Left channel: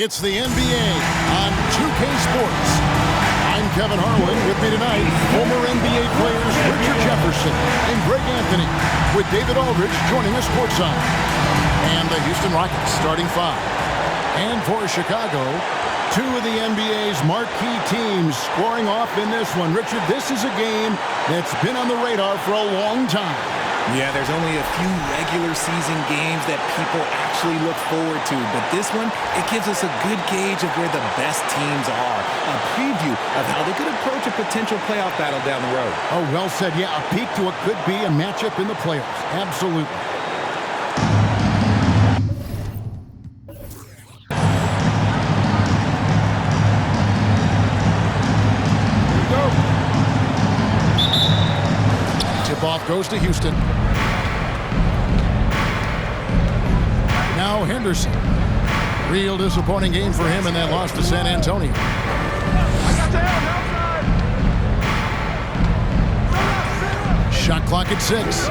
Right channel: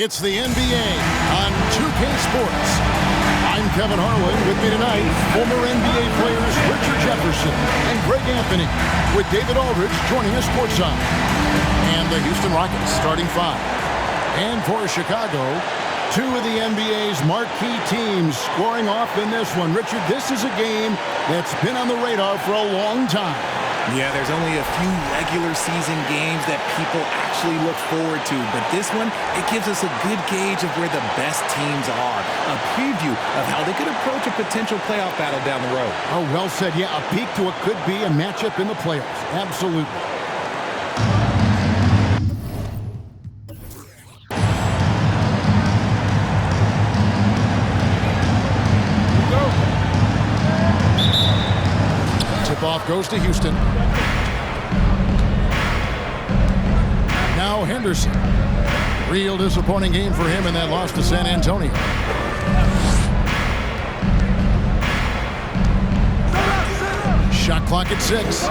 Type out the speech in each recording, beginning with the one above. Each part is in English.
It's the NBA on 2K Sports. I'm Kevin Harlan. With me tonight, former NBA players Richard Jefferson and Greg Anthony, with David Aldridge joining us courtside. And the Houston Rockets starting five. And for Chicago, two of the NBA's marquee teams squaring off in this one. Richard, this is a game that's been on the radar for a long time. Yeah, there's only a few regular season games that people actually look forward to. But this one, it gives us a good gauge of where the best teams are. A preview of how they could approach a potential playoff battle down the road. Oh, well said. Yeah, a peek to what could be a matchup in the playoffs. Absolutely. Tip-off goes to Houston. Now Henderson. Real disappointing game for him in that loss to San Antonio. Shot clock at 6.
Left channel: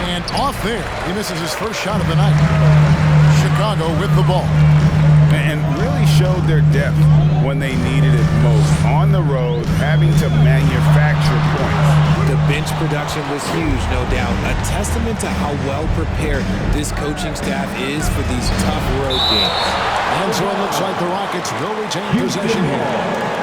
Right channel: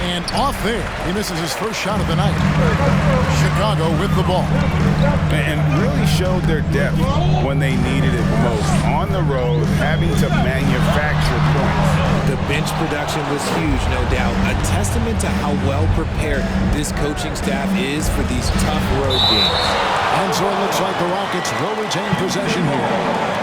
And off there. He misses his first shot of the night. Chicago with the ball. And really showed their depth when they needed it most. On the road, having to manufacture points. The bench production was huge, no doubt. A testament to how well prepared this coaching staff is for these tough road games. And so it looks like the Rockets will retain possession here.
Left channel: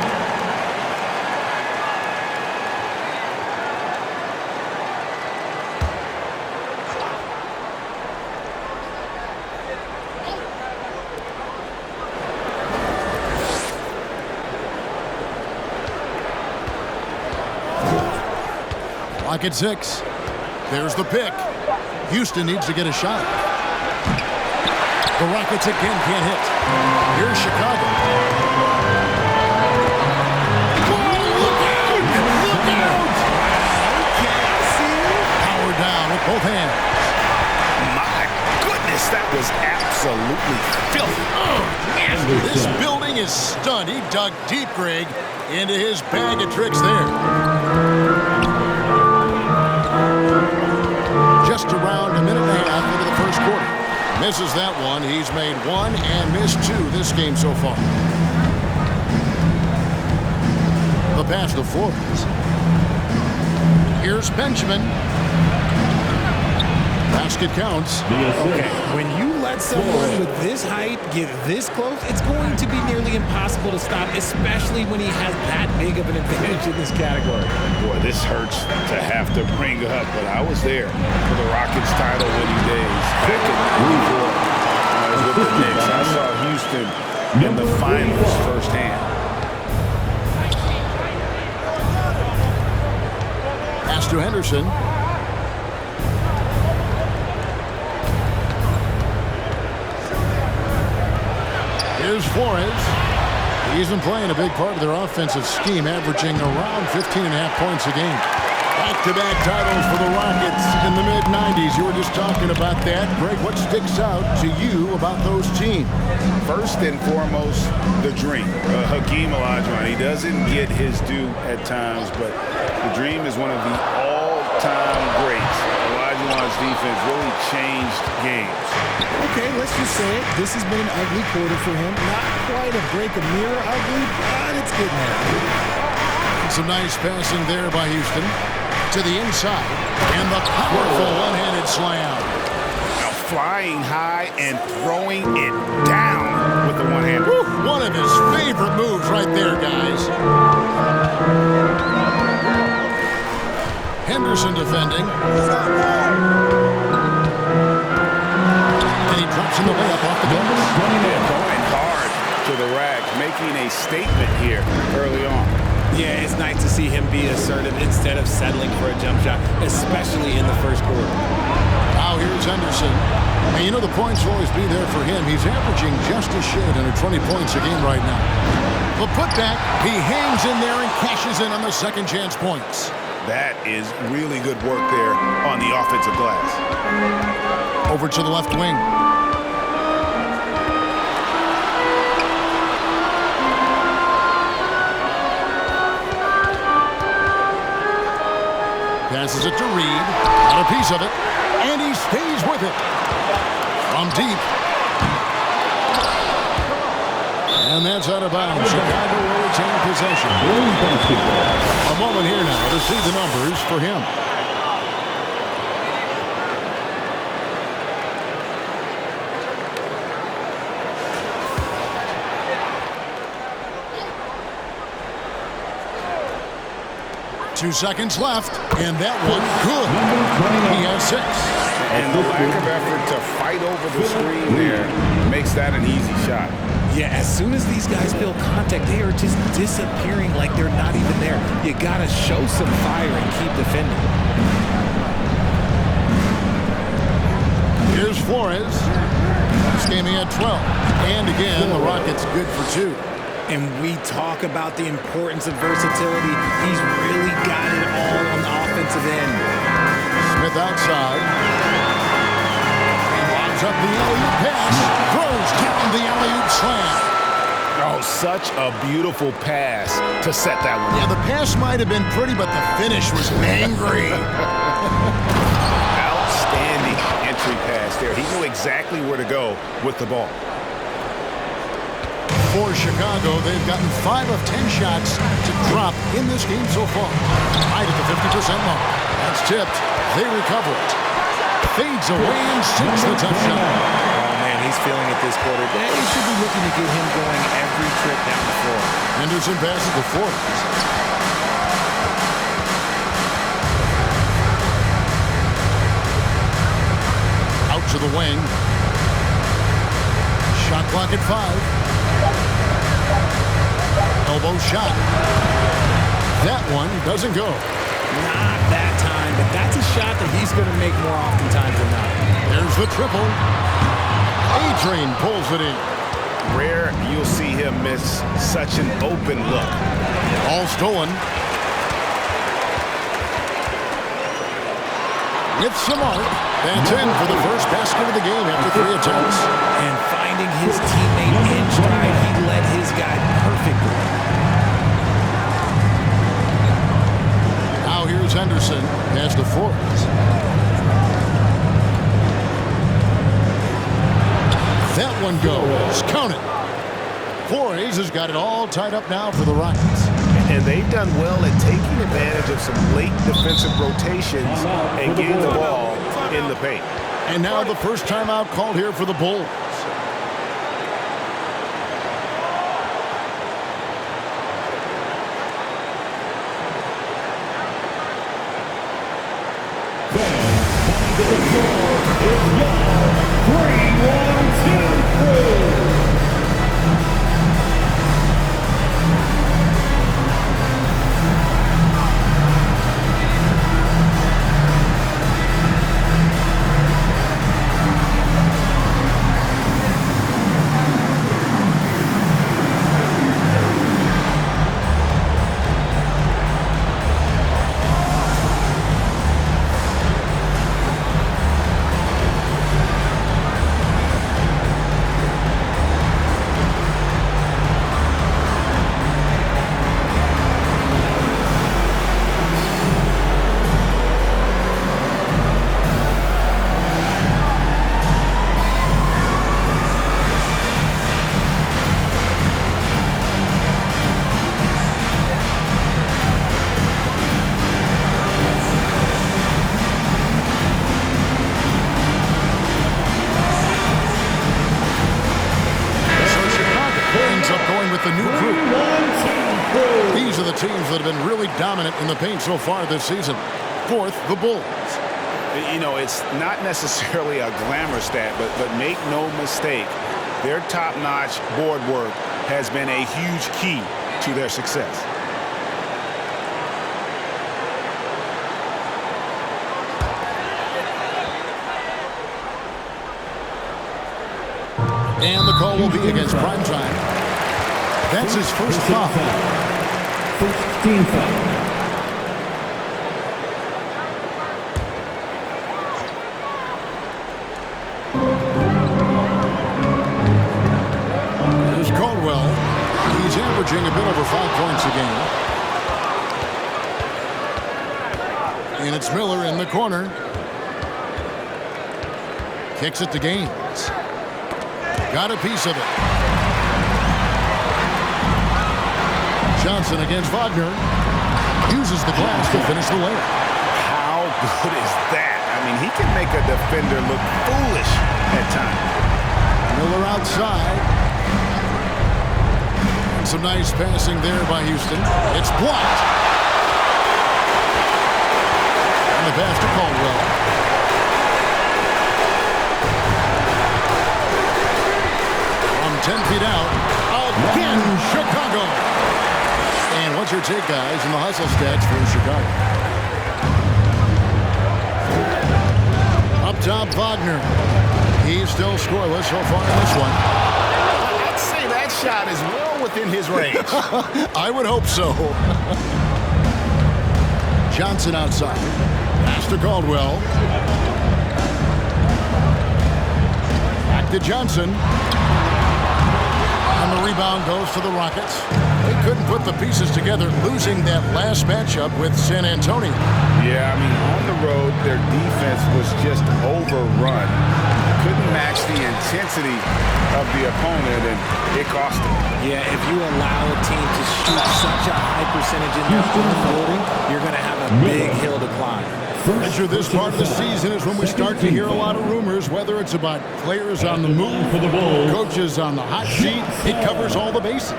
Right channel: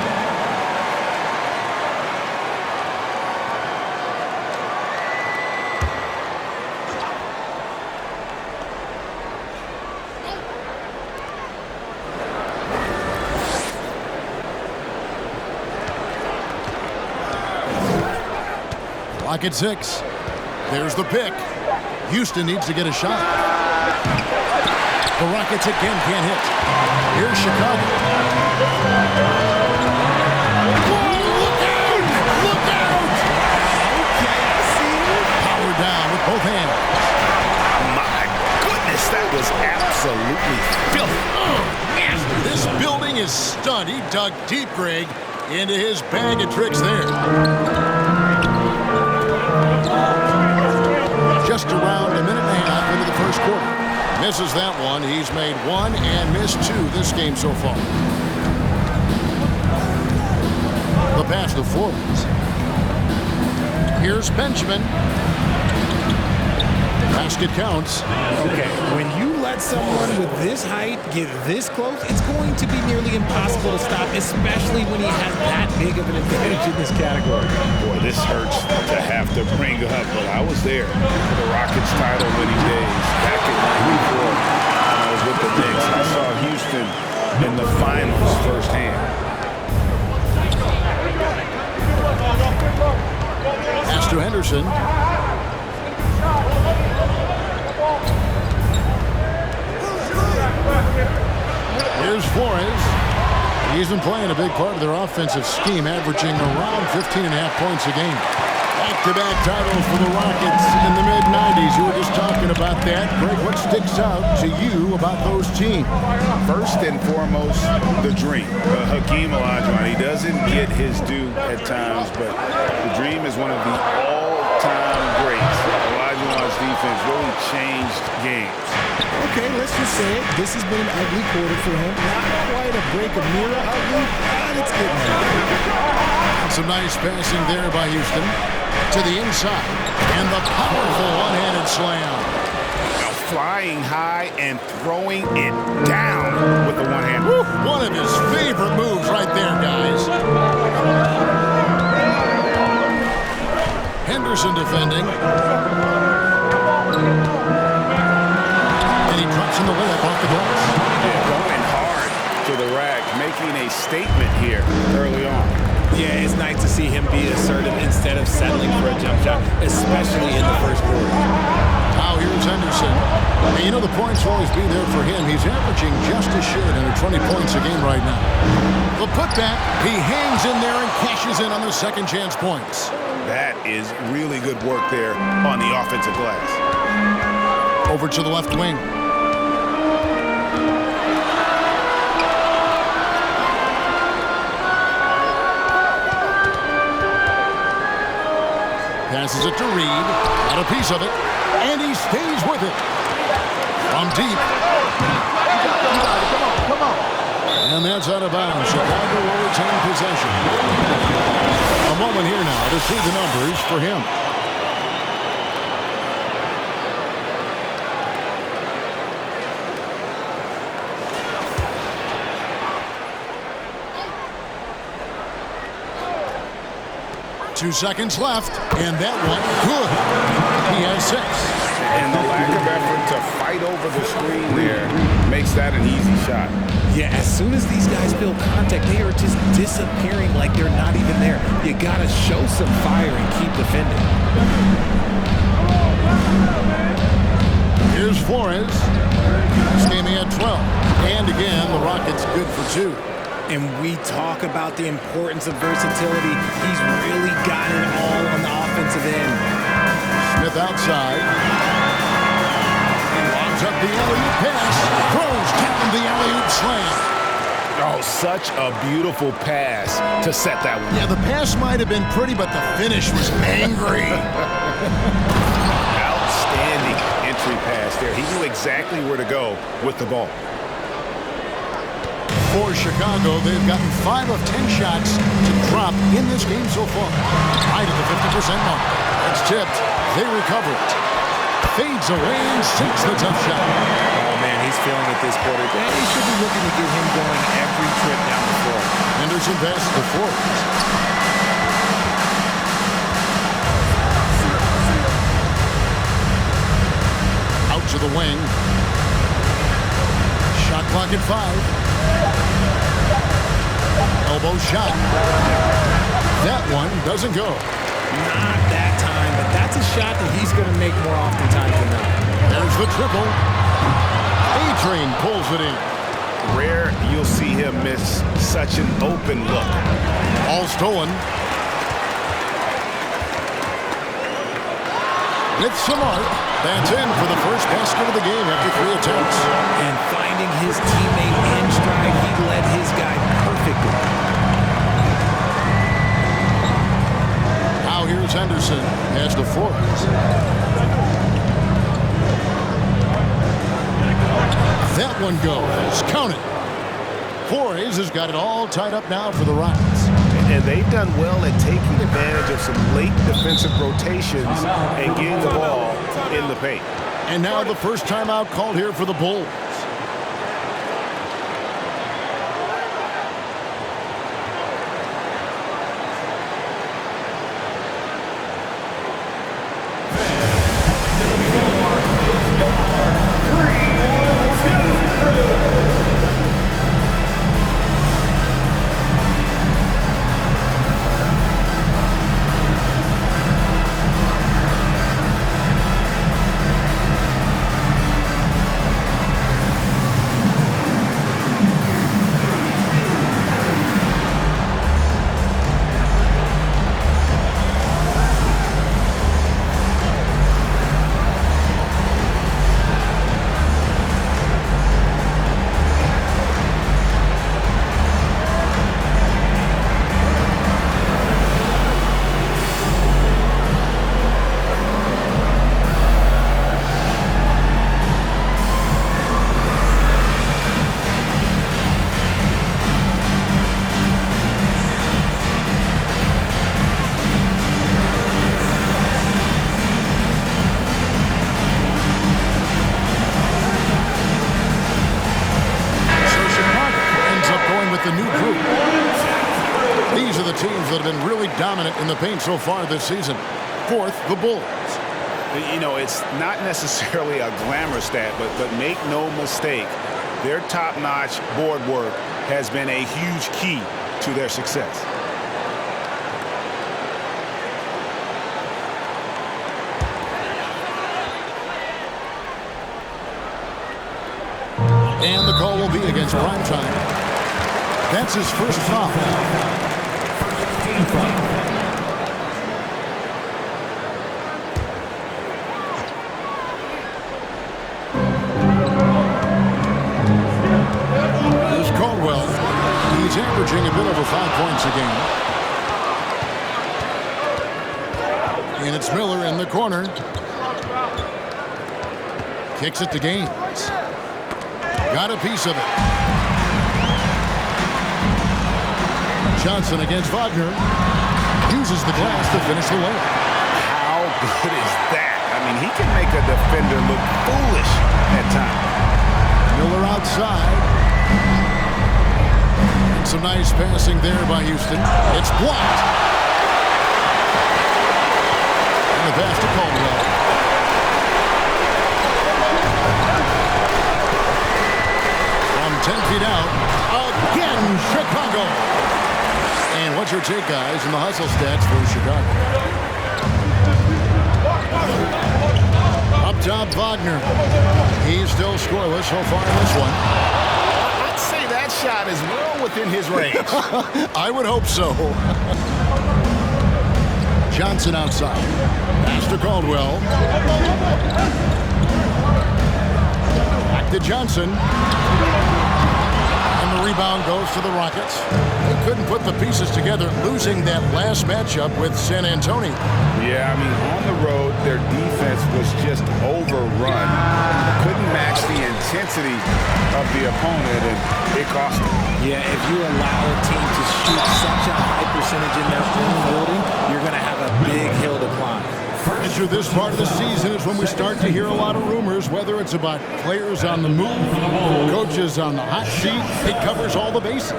Clock at 6. There's the pick. Houston needs to get a shot. The Rockets again can't hit. Here's Chicago. Whoa, look out! Look out! Okay, I see you. Power down with both hands. My goodness, that was absolutely filthy. Oh, nasty. This building is stunned. He dug deep, Greg, into his bag of tricks there. Just around a minute and a half into the first quarter. Misses that one. He's made one and missed two this game so far. The pass to Flores. Here's Benjamin. Basket counts. Okay, when you let someone with this height get this close, it's going to be nearly impossible to stop, especially when he has that big of an advantage in this category. Boy, this hurts to have to bring up, but I was there for the Rockets title-winning days back in '94 when I was with the Knicks. I saw Houston in the finals firsthand. Pass to Henderson. Here's Flores. He's been playing a big part of their offensive scheme, averaging around 15.5 points a game. Back-to-back titles for the Rockets in the mid-'90s. You were just talking about that. Greg, what sticks out to you about those teams? First and foremost, the dream. Hakeem Olajuwon, he doesn't get his due at times, but the dream is one of the all-time greats. Olajuwon's defense really changed games. Okay, let's just say it. This has been an ugly quarter for him. Not quite a break a mirror ugly, but it's getting there. Some nice passing there by Houston. To the inside. And the powerful one-handed slam. Now flying high and throwing it down with the one hand. Woo, one of his favorite moves right there, guys. Henderson defending. And he drops in the layup off the glass. They're going hard to the rack, making a statement here early on. Yeah, it's nice to see him be assertive instead of settling for a jump shot, especially in the first quarter. Now here's Henderson. And you know the points will always be there for him. He's averaging just a shade under 20 points a game right now. The putback, he hangs in there and cashes in on the second chance points. That is really good work there on the offensive glass. Over to the left wing. Passes it to Reed. Got a piece of it. And he stays with it. From deep. And that's out of bounds. Chicago will retain possession. A moment here now to see the numbers for him. Two seconds left, and that one good. He has 6. And the lack of effort to fight over the screen there makes that an easy shot. Yeah, as soon as these guys feel contact, they are just disappearing like they're not even there. You got to show some fire and keep defending. Here's Flores. This game he had 12. And again, the Rockets good for 2. And we talk about the importance of versatility. He's really got it all on the offensive end. Smith outside. Lobs up the alley-oop pass. Throws down the alley-oop slam. Oh, such a beautiful pass to set that one. Yeah, the pass might have been pretty, but the finish was angry. Outstanding entry pass there. He knew exactly where to go with the ball. For Chicago, they've gotten 5 of 10 shots to drop in this game so far. Right at the 50% mark. That's tipped. They recover it. Fades away and sinks the tough shot. Oh, man, he's feeling it this quarter. They should be looking to get him going every trip down the floor. Henderson passes to Forbes. Out to the wing. Shot clock at 5. Elbow shot. That one doesn't go. Not that time, but that's a shot that he's going to make more oftentimes than not. There's the triple. A-Train pulls it in. Rare you'll see him miss such an open look. All stolen. With some art, that's in for the first basket of the game after 3 attempts. And finding his teammate in stride, he led his guy perfectly. Now here's Henderson. Pass to Forbes. That one goes. Count it. Flores has got it all tied up now for the Rockets. And they've done well at taking advantage of some late defensive rotations and getting the ball in the paint. And now the first timeout called here for the Bulls. With the new group. These are the teams that have been really dominant in the paint so far this season. 4th, the Bulls. You know, it's not necessarily a glamour stat, but make no mistake, their top-notch board work has been a huge key to their success. And the call will be against Primetime. That's his first foul. First team foul. There's Caldwell. He's averaging a bit over 5 points a game. And it's Miller in the corner. Kicks it to Gaines. Got a piece of it. Johnson against Wagner. Uses the glass to finish the layup. How good is that? I mean, he can make a defender look foolish at times. Miller outside. And some nice passing there by Houston. It's blocked. And the pass to Caldwell. From 10 feet out, again, Chicago. And what's your take, guys, in the hustle stats for Chicago? Up top, Wagner. He's still scoreless so far in this one. I'd say that shot is well within his range. I would hope so. Johnson outside. Pass to Caldwell. Back to Johnson. And the rebound goes to the Rockets. They couldn't put the pieces together, losing that last matchup with San Antonio. Yeah, I mean, on the road, their defense was just overrun. Couldn't match the intensity of the opponent, and it cost them. Yeah, if you allow a team to shoot such a high percentage in their own building, you're going to have a big hill to climb. Enter this part of the season is when we start to hear a lot of rumors, whether it's about players on the move, coaches on the hot seat. It covers all the bases.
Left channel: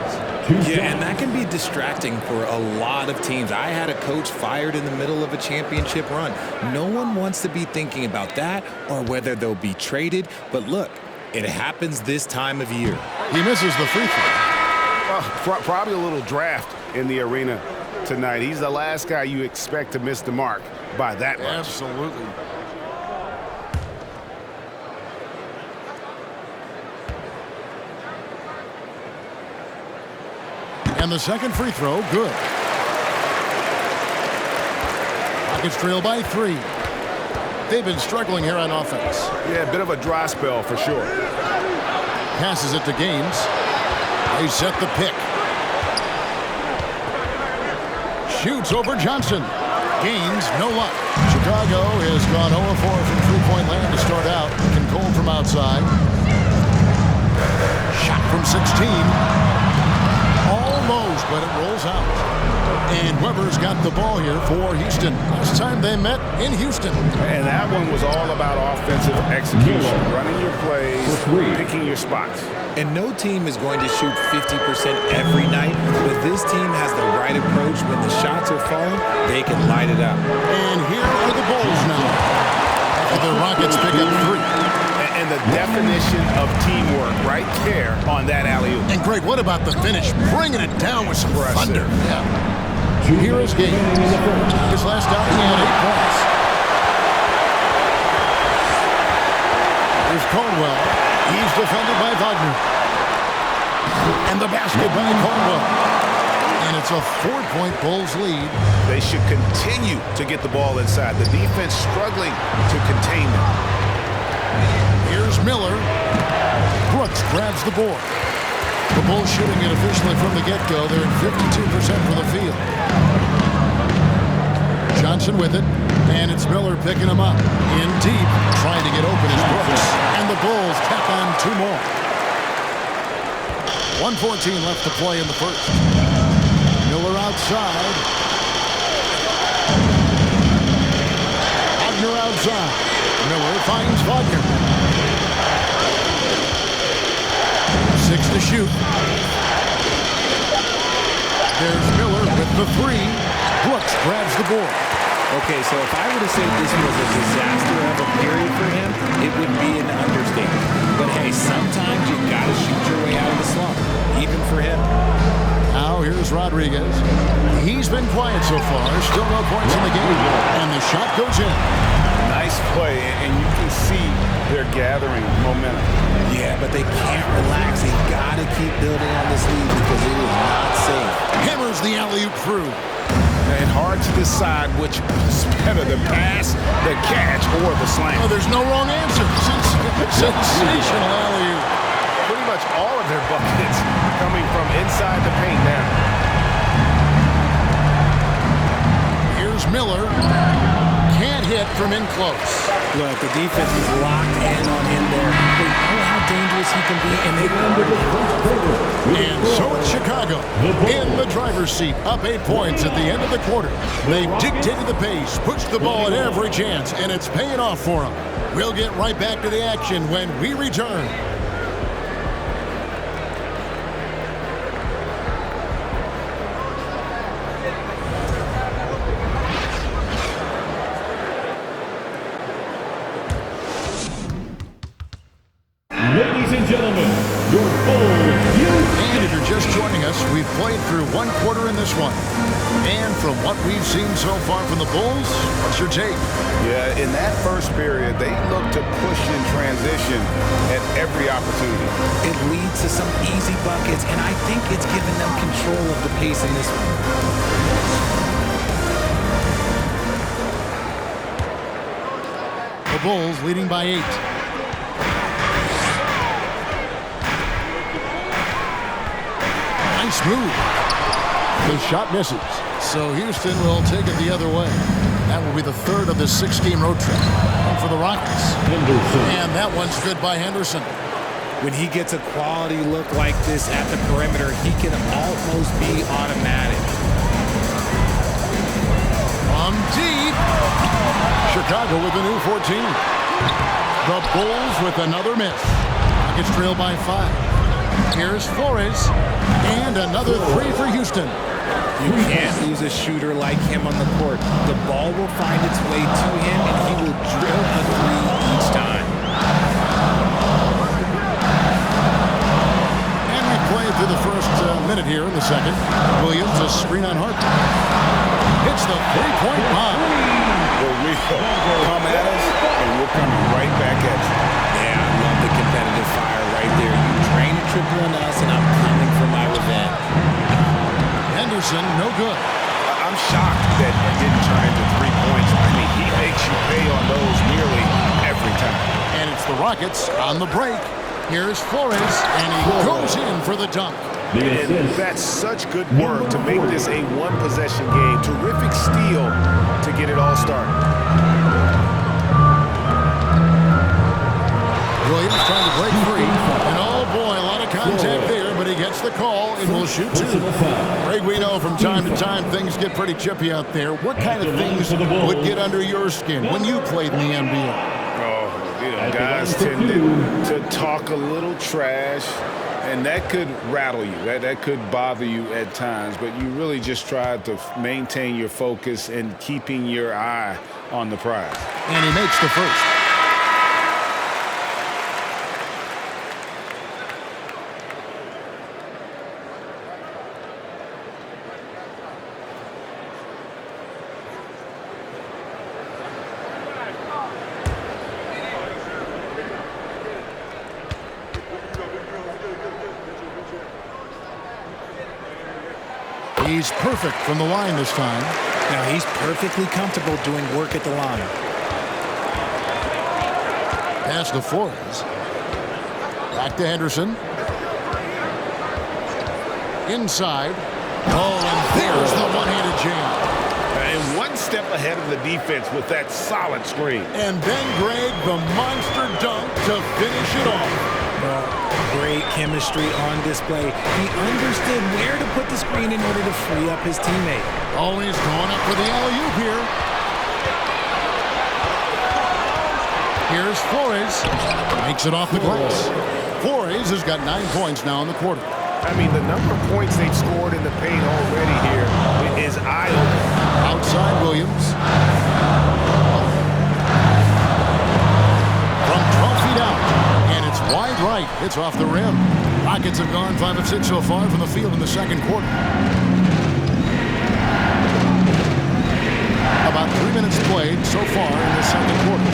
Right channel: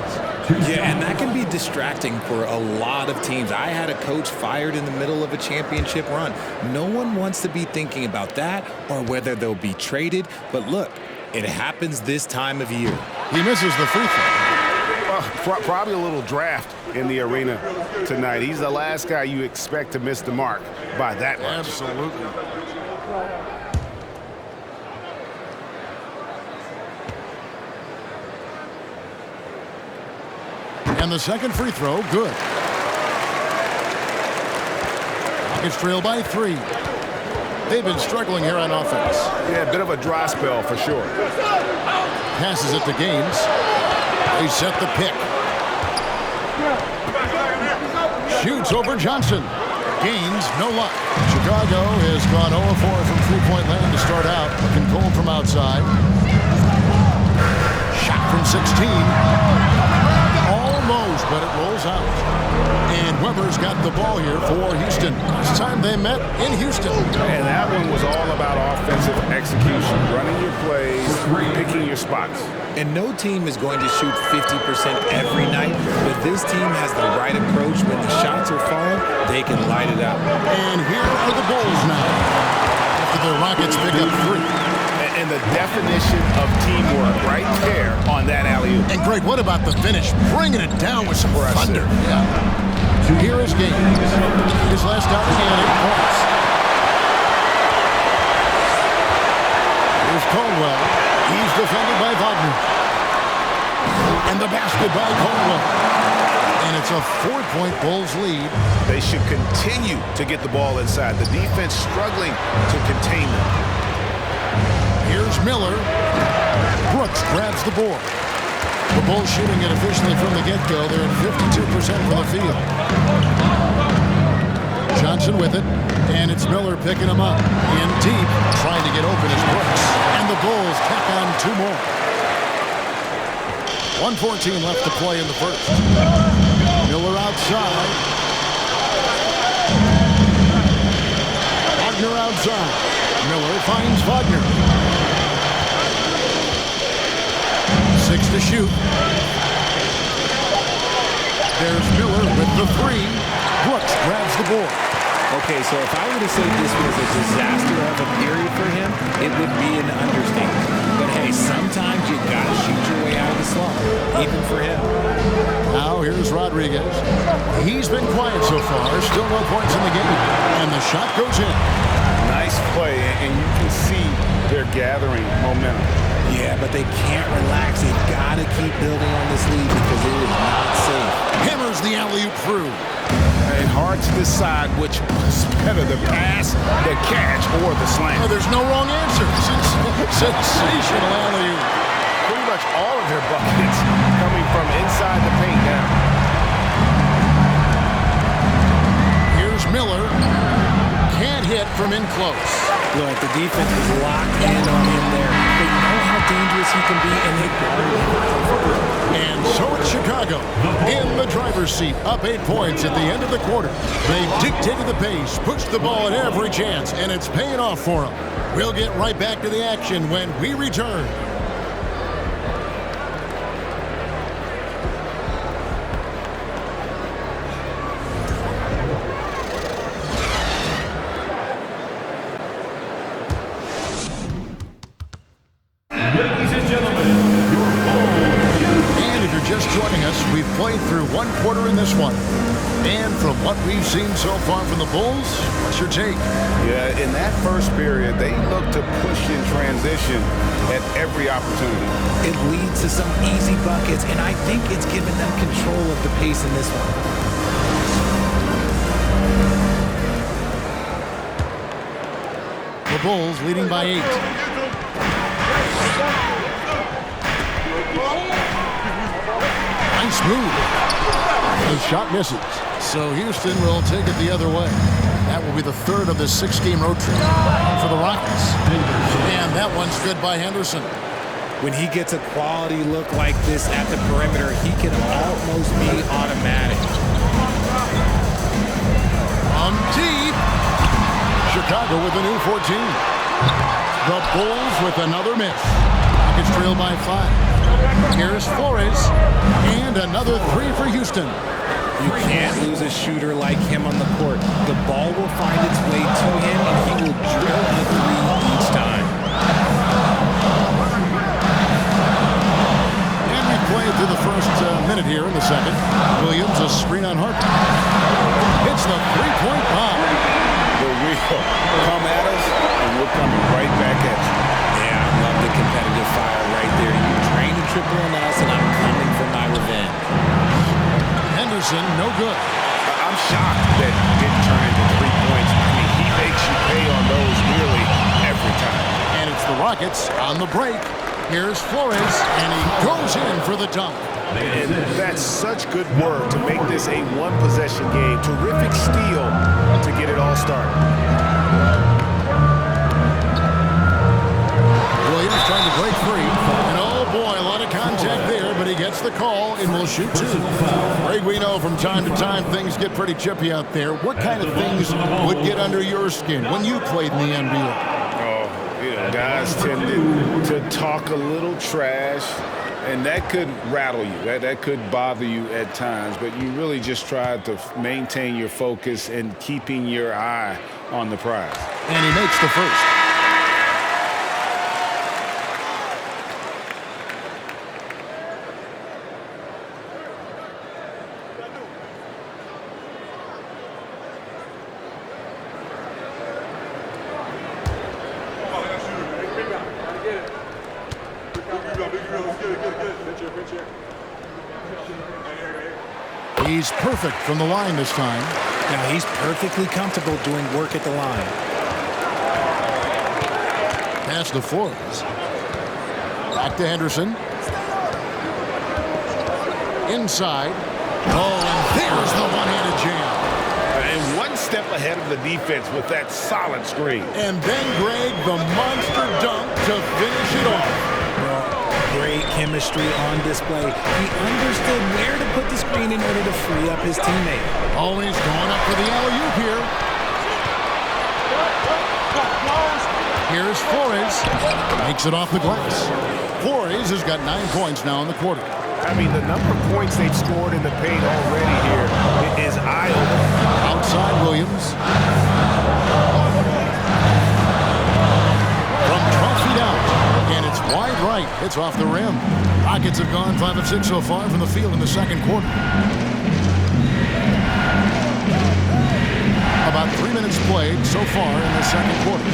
Yeah, and that can be distracting for a lot of teams. I had a coach fired in the middle of a championship run. No one wants to be thinking about that or whether they'll be traded. But look, it happens this time of year. He misses the free throw. Well, probably a little draft in the arena tonight. He's the last guy you expect to miss the mark by that much. Absolutely. And the second free throw, good. Rockets trail by 3. They've been struggling here on offense. Yeah, a bit of a dry spell for sure. Passes it to Gaines. They set the pick. Shoots over Johnson. Gaines, no luck. Chicago has gone 0-4 from three-point land to start out. Looking cold from outside. Shot from 16. Almost, but it rolls out. And Weber's got the ball here for Houston. Last time they met in Houston. And that one was all about offensive execution. Running your plays, picking your spots. And no team is going to shoot 50% every night, but this team has the right approach. When the shots are falling, they can light it up. And here are the Bulls now, after the Rockets pick up 3. And the definition of teamwork right there on that alley-oop. And Greg, what about the finish? Bringing it down with some thunder. Yeah. Here is Gaines. His last outing, he had 8 points. Here's Caldwell. He's defended by Wagner. And the basket by Caldwell. And it's a 4-point Bulls lead. They should continue to get the ball inside. The defense struggling to contain them. Here's Miller. Brooks grabs the board. The Bulls shooting it officially from the get-go. They're at 52% from the field. Johnson with it. And it's Miller picking him up. In deep, trying to get open is Brooks. And the Bulls tack on 2 more. 1:14 left to play in the first. Miller outside. Wagner outside. Miller finds Wagner. 6 to shoot. There's Miller with the 3. Brooks grabs the board. Okay, so if I were to say this was a disaster of a period for him, it would be an understatement. But hey, sometimes you gotta shoot your way out of the slump, even for him. Now here's Rodriguez. He's been quiet so far. Still no points in the game. And the shot goes in. Nice play, and you can see they're gathering momentum. Yeah, but they can't relax. They gotta keep building on this lead because it is not safe. Hammers the alley-oop through. And hard to decide which was better, the pass, the catch, or the slam. Oh, there's no wrong answer. Sensational alley-oop. Pretty much all of their buckets coming from inside the paint now. Here's Miller. Can't hit from in close. Look, the defense was locked in on him there. They know how dangerous he can be, and they guarded him. And so it's Chicago. Chicago in the driver's seat, up 8 points at the end of the quarter. They've dictated the pace, pushed the ball at every chance, and it's paying off for them. We'll get right back to the action when we return. Ladies and gentlemen, your Bulls. And if you're just joining us, we've played through one quarter in this one. And from what we've seen so far from the Bulls, what's your take? Yeah, in that first period, they looked to push in transition at every opportunity. It leads to some easy buckets, and I think it's given them control of the pace in this one. The Bulls leading by 8. Nice move. The shot misses. So Houston will take it the other way. That will be the third of this 6-game road trip for the Rockets. And that one's good by Henderson. When he gets a quality look like this at the perimeter, he can almost be automatic. From deep. Chicago with a new 14. The Bulls with another miss. Rockets trail by 5. Here's Flores. And another 3 for Houston. You can't lose a shooter like him on the court. The ball will find its way to him, and he will drill a 3 each time. And we played through the first minute here in the second. Williams, a screen on Harper. Hits the 3-point bomb. The real come at us, and we're coming right back at you. Yeah, I love the competitive fire right there. You drain a triple on us, and I'm coming for my revenge. Henderson, no good. I'm shocked that didn't turn into 3 points. I mean, he makes you pay on those nearly every time. And it's the Rockets on the break. Here's Flores, and he goes in for the dunk. And that's such good work to make this a one-possession game. Terrific steal to get it all started. Williams trying to break free. And oh boy, a lot of contact there, but he gets the call and will shoot 2. Greg, we know from time to time things get pretty chippy out there. What kind of things would get under your skin when you played in the NBA? Oh, you know, guys tended to talk a little trash, and that could rattle you. That could bother you at times, but you really just try to maintain your focus and keeping your eye on the prize. And he makes the first. He's perfect from the line this time. Now he's perfectly comfortable doing work at the line. Pass to Flores. Back to Henderson. Inside. Oh, and there's the one-handed jam. And one step ahead of the defense with that solid screen. And then, Greg, the monster dunk to finish it off. Well, great chemistry on display. He understood where to put the screen in order to free up his teammate. Oh, he's going up for the alley-oop here. Here's Flores. Makes it off the glass. Flores has got 9 points now in the quarter. I mean, the number of points they've scored in the paint already here is eye-opening. Outside Williams. From 12 feet out. And it's wide right. It's off the rim. Rockets have gone 5 of 6 so far from the field in the second quarter. About 3 minutes played so far in the second quarter.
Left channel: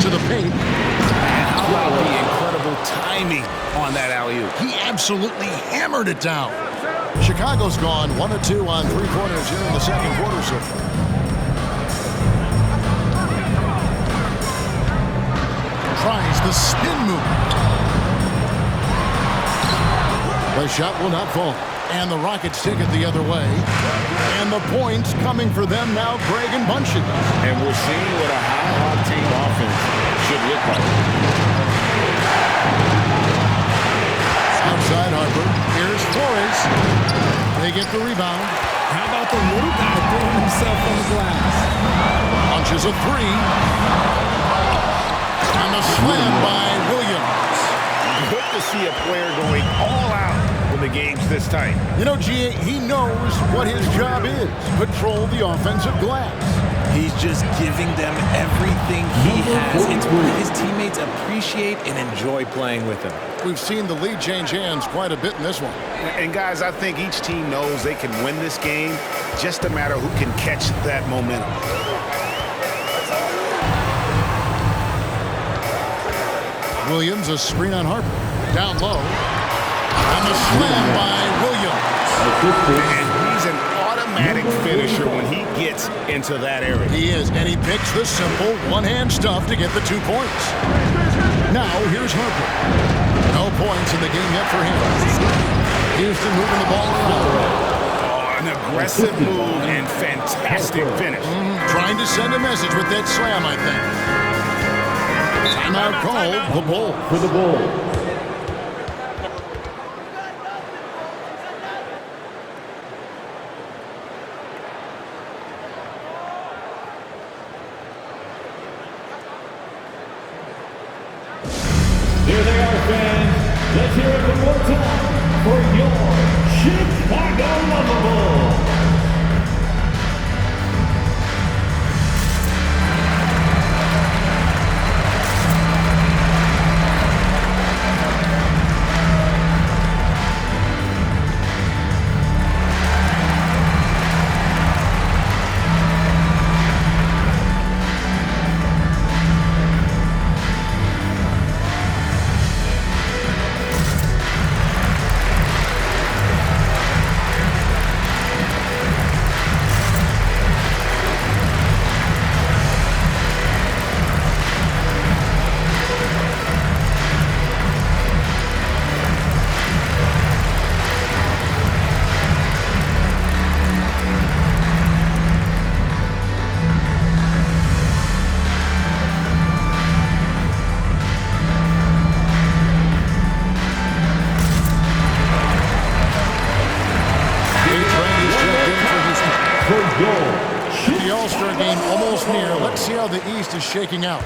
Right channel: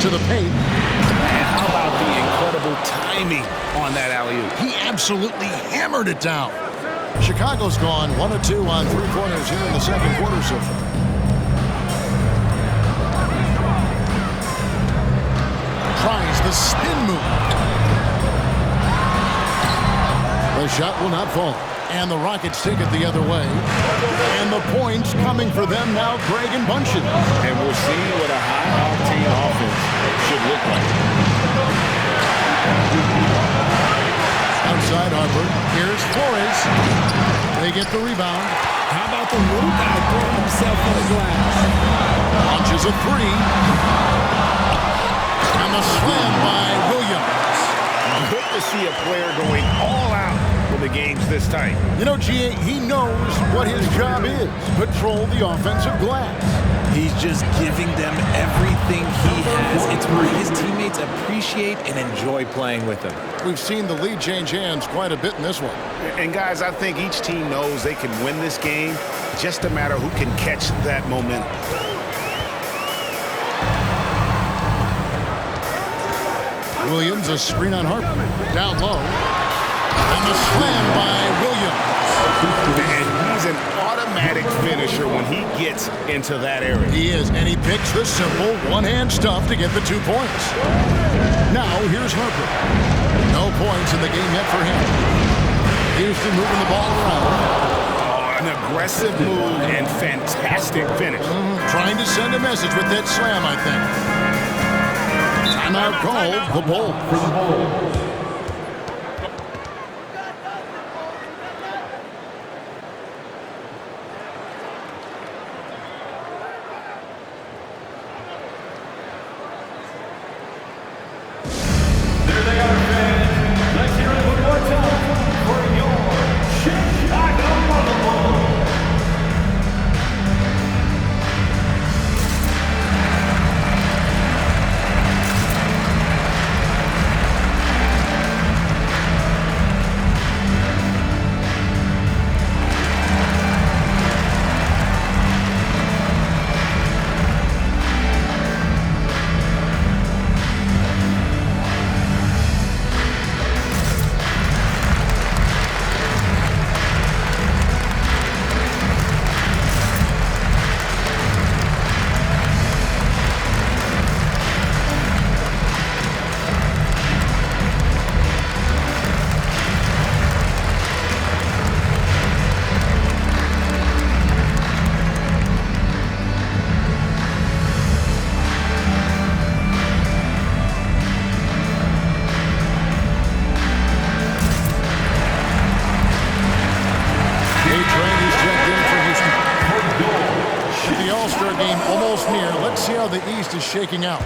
To the paint. And how about the incredible timing on that alley-oop? He absolutely hammered it down. Chicago's gone 1 of 2 on 3-pointers here in the second quarter so far. Tries the spin move. The shot will not fall. And the Rockets take it the other way. And the points coming for them now, Greg, in bunches. And we're seeing what a high-octane offense should look like. inside Harper. Here's Flores. They get the rebound. How about the little guy throwing himself on the glass? Launches a three. And the slam by Williams. Good to see a player going all out when the game's this tight. You know, G.A., he knows what his job is. Patrol the offensive glass. He's just giving them everything he has. It's why his teammates appreciate and enjoy playing with him. We've seen the lead change hands quite a bit in this one. And guys, I think each team knows they can win this game. Just a matter who can catch that momentum. Williams, a screen on Harper. Down low. And the slam by Williams. And he's an automatic finisher when he gets into that area. He is, and he picks the simple one-hand stuff to get the 2 points. Now, here's Harper. No points in the game yet for him. Houston moving the ball around. Oh, an aggressive move and fantastic finish. Trying to send a message with that slam, I think. Timeout called, the Bulls. For the Bulls. There they are, fans. Let's hear it one more time for your Chicago Bulls. The All-Star game almost near. Let's see how the East is shaking out.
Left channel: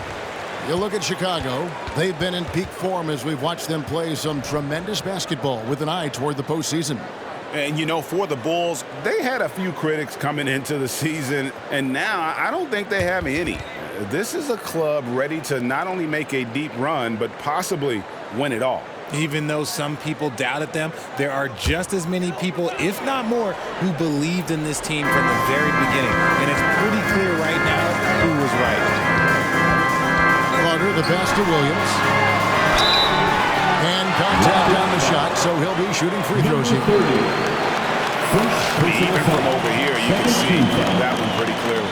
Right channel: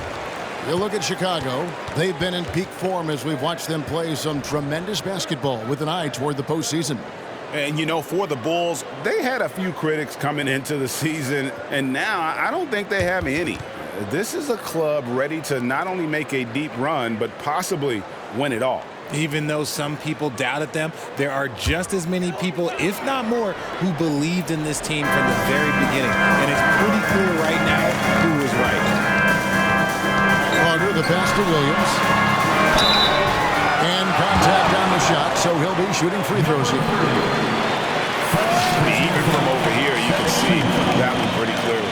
You look at Chicago. They've been in peak form as we've watched them play some tremendous basketball with an eye toward the postseason. And, you know, for the Bulls, they had a few critics coming into the season, and now I don't think they have any. This is a club ready to not only make a deep run, but possibly win it all. Even though some people doubted them, there are just as many people, if not more, who believed in this team from the very beginning. And it's pretty clear right now who was right. Carter, the pass to Williams. And contact on the shot, so he'll be shooting free throws here. I mean, even from over here, you can see that one pretty clearly.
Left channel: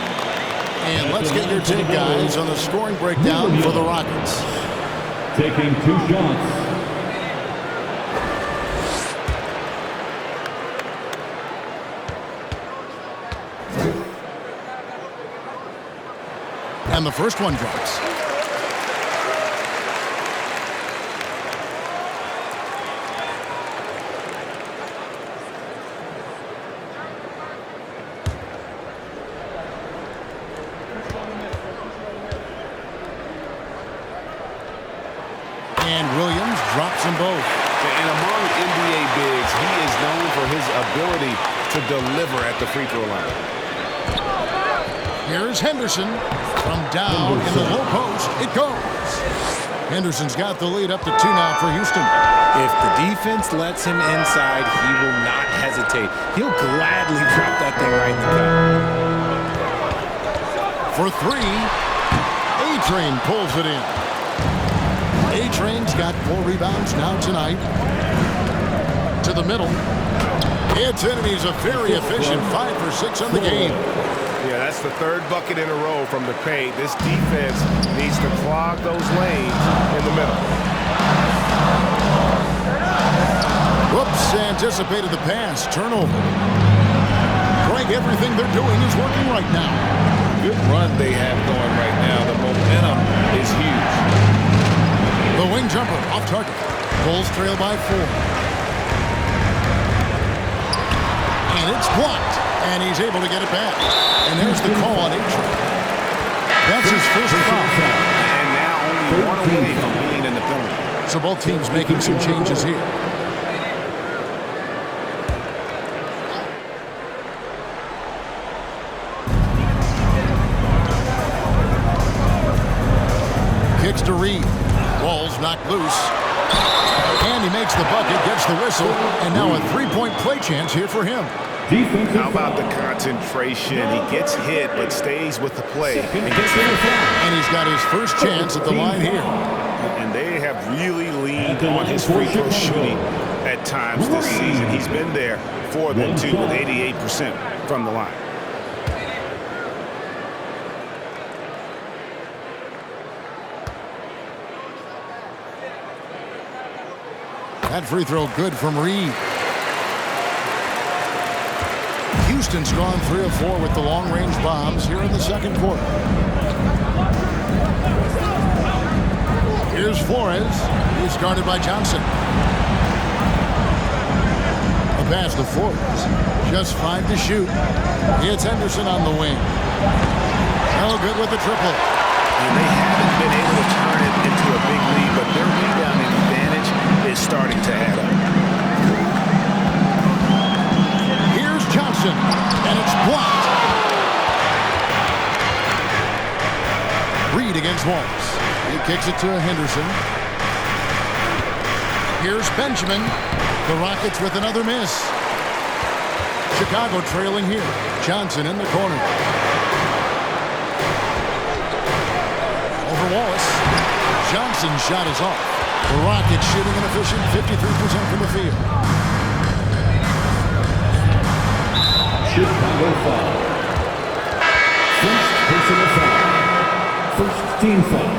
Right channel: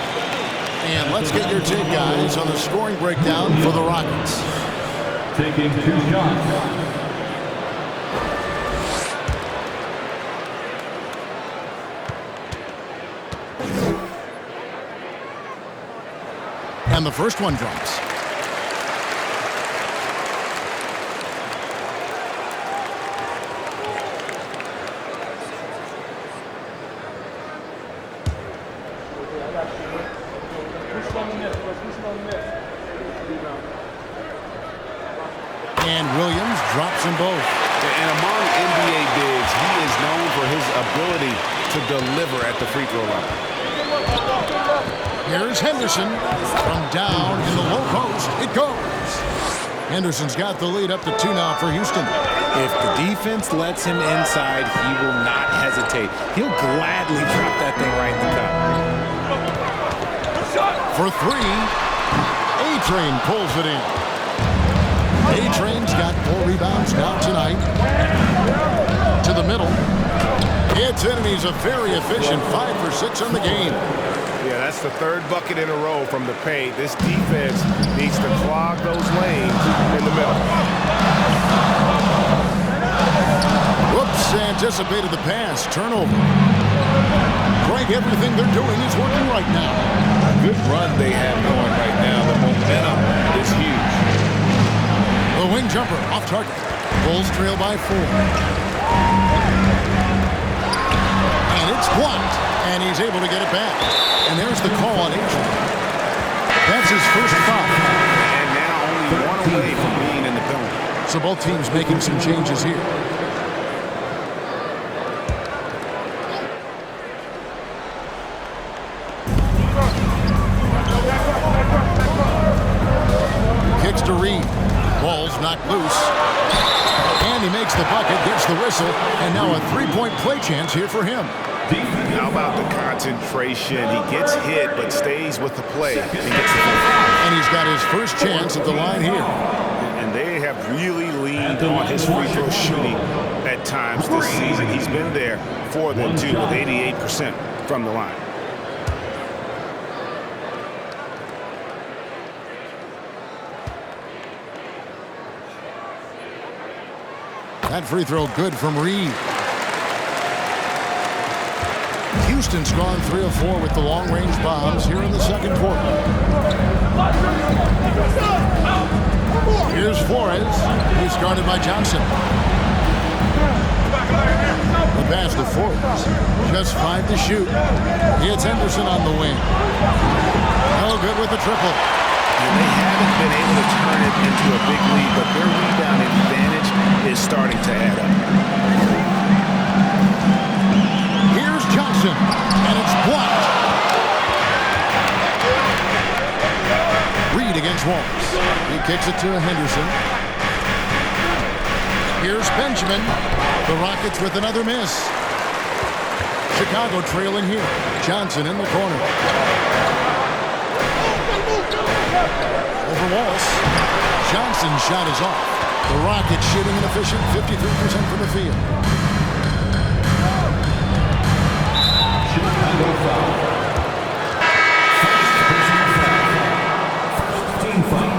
And let's get your take, guys, on the scoring breakdown for the Rockets. Taking 2 shots. And the first one drops. And Williams drops them both. And among NBA bigs, he is known for his ability to deliver at the free throw line. Here's Henderson. From down in the low post, it goes. Henderson's got the lead up to 2 now for Houston. If the defense lets him inside, he will not hesitate. He'll gladly drop that thing right in the cup. For 3, A-Train pulls it in. A-Train's got 4 rebounds now tonight. To the middle. It's in, and he's a very efficient 5 for 6 on the game. Yeah, that's the 3rd bucket in a row from the paint. This defense needs to clog those lanes in the middle. Whoops, anticipated the pass. Turnover. Greg, everything they're doing is working right now. Good run they have going right now. The momentum is huge. The wing jumper off target. Bulls trail by 4. And it's blocked. And he's able to get it back. And there's the call on Adrian. That's his first foul. And now only one away from being in the penalty. So both teams making some changes here. Kicks to Reed. Ball's knocked loose. And he makes the bucket, gets the whistle, and now a three-point play chance here for him. How about the concentration? He gets hit, but stays with the play. And he's got his first chance at the line here. And they have really leaned on his free throw shooting at times this season. He's been there for them, too, with 88% from the line. That free throw good from Reed. Houston's gone 3 of 4 with the long-range bombs here in the second quarter. Here's Flores. He's guarded by Johnson. The pass to Forbes. Just 5 to shoot. It's Henderson on the wing. No good with the triple. And they haven't been able to turn it into a big lead, but their rebounding advantage is starting to add up. Here's Johnson, and it's blocked. Reed against Walls. He kicks it to Henderson. Here's Benjamin. The Rockets with another miss. Chicago trailing here. Johnson in the corner. Over Wallace. Johnson's shot is off. The Rockets shooting an efficient 53% from the field. Chicago foul. First personal foul. First team foul.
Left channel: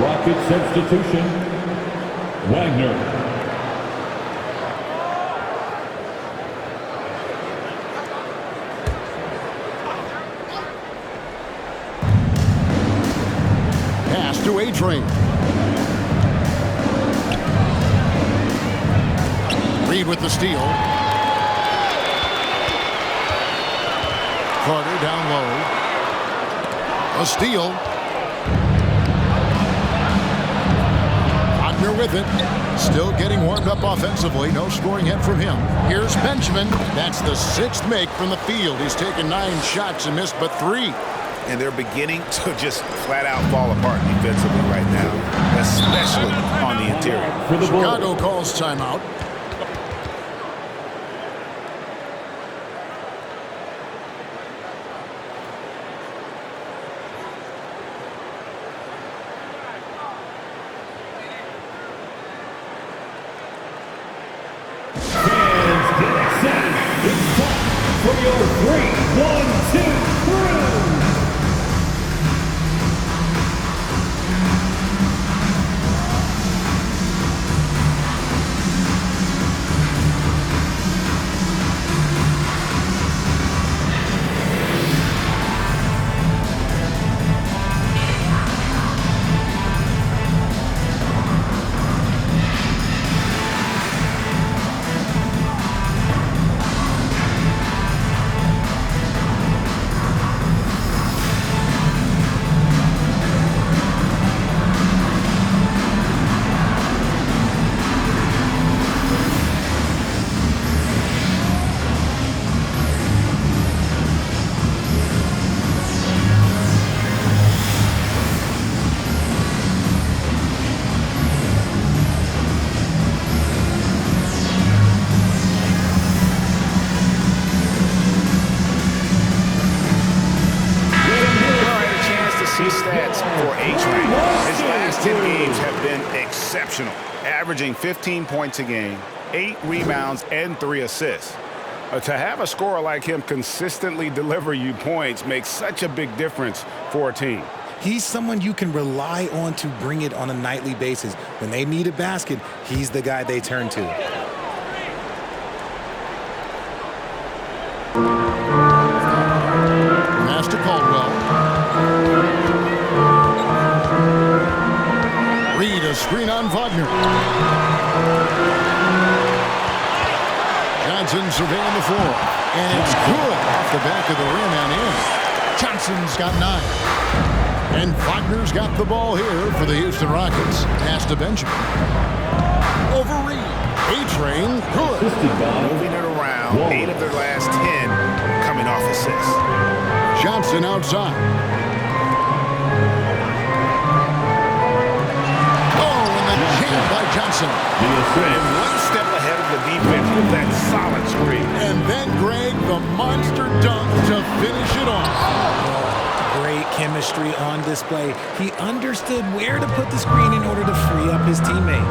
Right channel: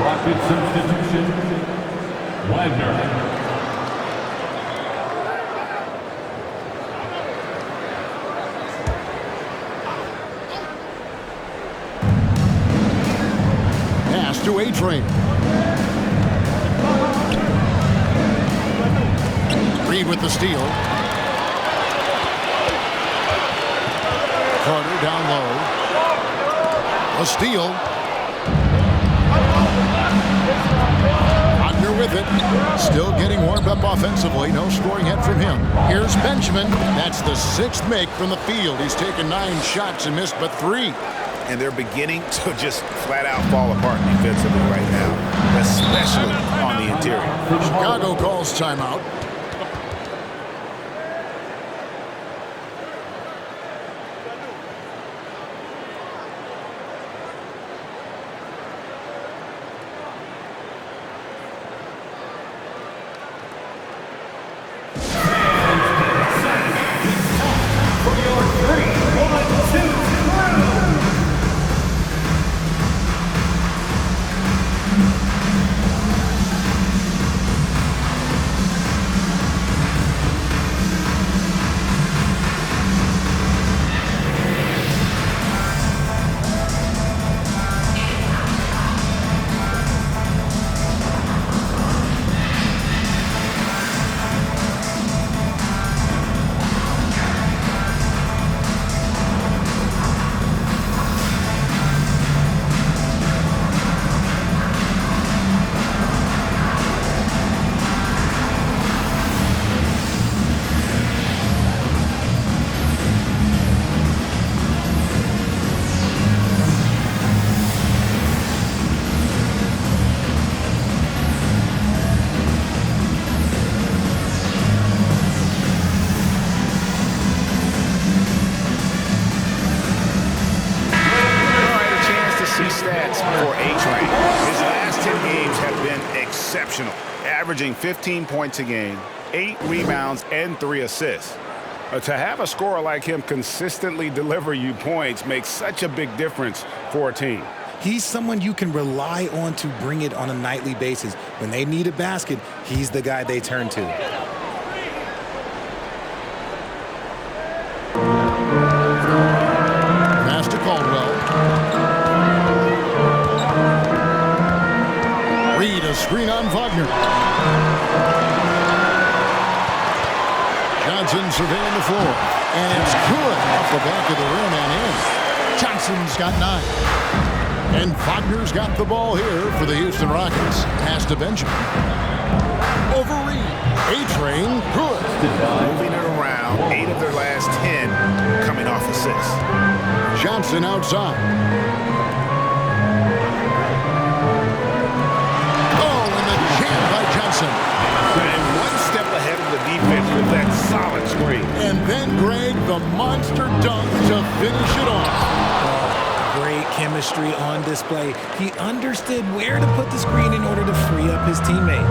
Rocket substitution. Wagner. Pass to A-Train. Reed with the steal. Carter down low. A steal. Wagner with it. Still getting warmed up offensively. No scoring hit from him. Here's Benjamin. That's the 6th make from the field. He's taken 9 shots and missed but 3. And they're beginning to just flat out fall apart defensively right now, especially on the interior. Chicago calls timeout. See stats for A-Train. His last 10 games have been exceptional, averaging 15 points a game, 8 rebounds, and 3 assists. To have a scorer like him consistently deliver you points makes such a big difference for a team. He's someone you can rely on to bring it on a nightly basis. When they need a basket, he's the guy they turn to. Pass to Caldwell. Reed, a a screen on Wagner. Johnson surveying the floor. And it's good off the back of the rim and in. Johnson's got 9. And Wagner's got the ball here for the Houston Rockets. Pass to Benjamin. Over Reed. A-Train, good. Moving it around, 8 of their last 10 coming off assists. Johnson outside. Oh, and the jam by Johnson. And one step ahead of the defense with that solid screen. And then Greg, the monster dunk to finish it off. Great chemistry on display. He understood where to put the screen in order to free up his teammate.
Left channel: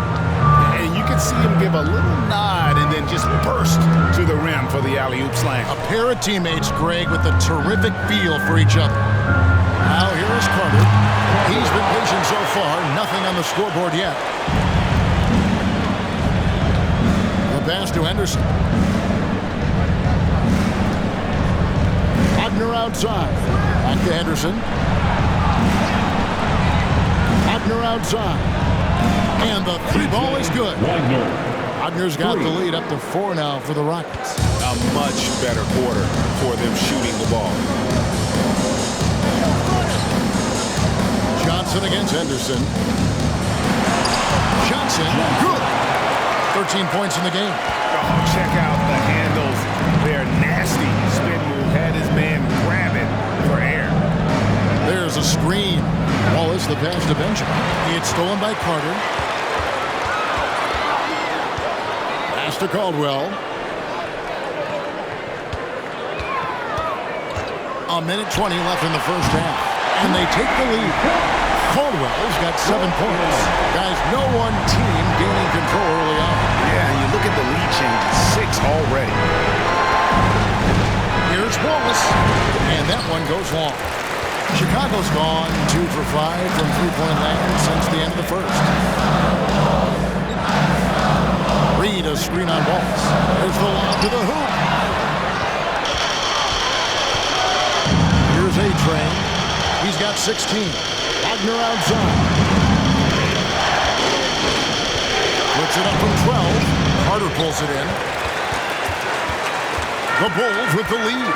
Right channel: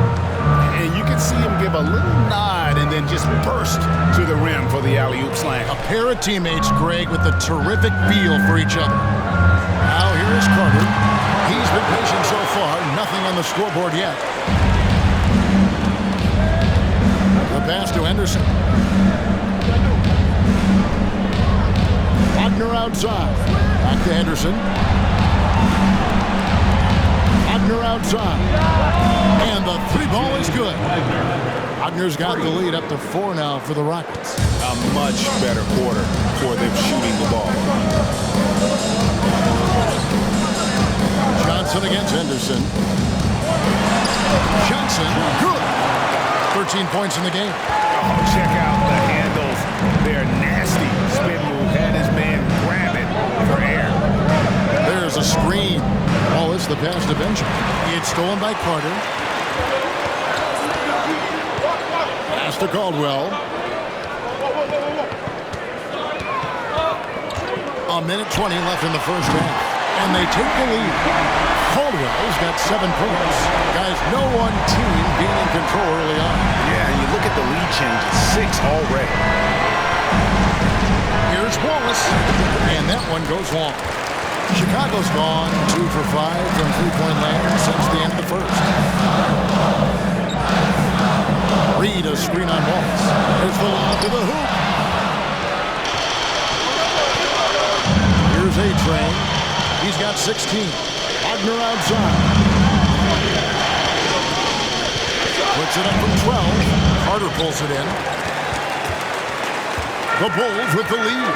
And you can see him give a little nod and then just burst to the rim for the alley-oop slam. A pair of teammates, Greg, with a terrific feel for each other. Now here is Carter. He's been patient so far. Nothing on the scoreboard yet. The pass to Henderson. Wagner outside. Back to Henderson. Wagner outside. And the 3 ball is good. Wagner's got the lead up to 4 now for the Rockets. A much better quarter for them shooting the ball. Johnson against Henderson. Johnson, good. 13 points in the game. Oh, check out the handles. They're nasty. Spin move had his man grab it for air. There's a screen. Wallace, the pass to Benjamin. It's stolen by Carter. Pass to Caldwell. A minute 20 left in the first half. And they take the lead. Caldwell's got 7 points. Guys, no one team gaining control early on. Yeah, you look at the lead change. It's 6 already. Here's Wallace. And that one goes long. Chicago's gone 2 for 5 from three-point land since the end of the first. Reed, a screen on Wallace. There's the lob to the hoop. Here's A-Train. He's got 16. Wagner outside. Puts it up from 12. Carter pulls it in. The Bulls with the lead.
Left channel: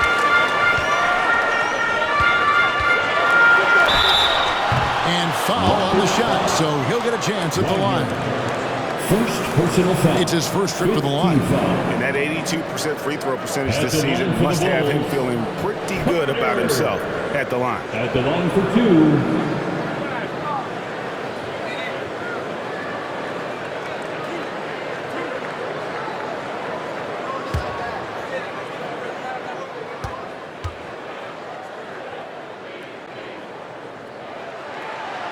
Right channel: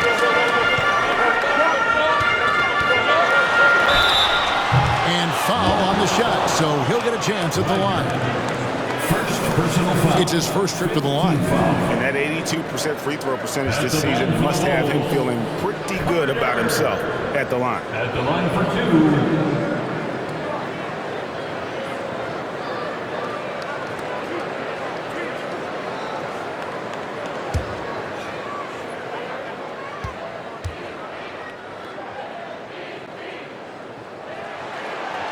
And foul on the shot, so he'll get a chance at the line. First personal foul. It's his first trip to the line. And that 82% free throw percentage this season must have him feeling pretty good about himself at the line. At the line for 2.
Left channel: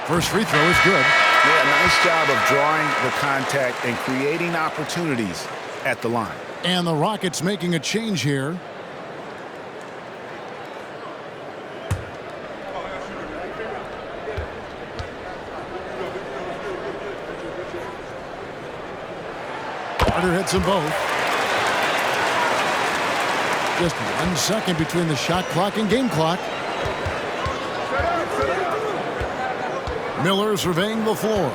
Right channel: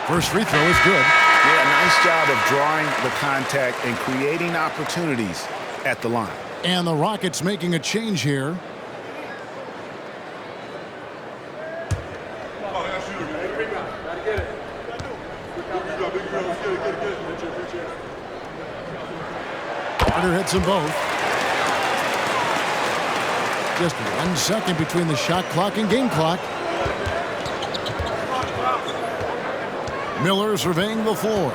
First free throw is good. Yeah, nice job of drawing the contact and creating opportunities at the line. And the Rockets making a change here. Carter hits them both. Just 1 second between the shot clock and game clock. Miller surveying the floor.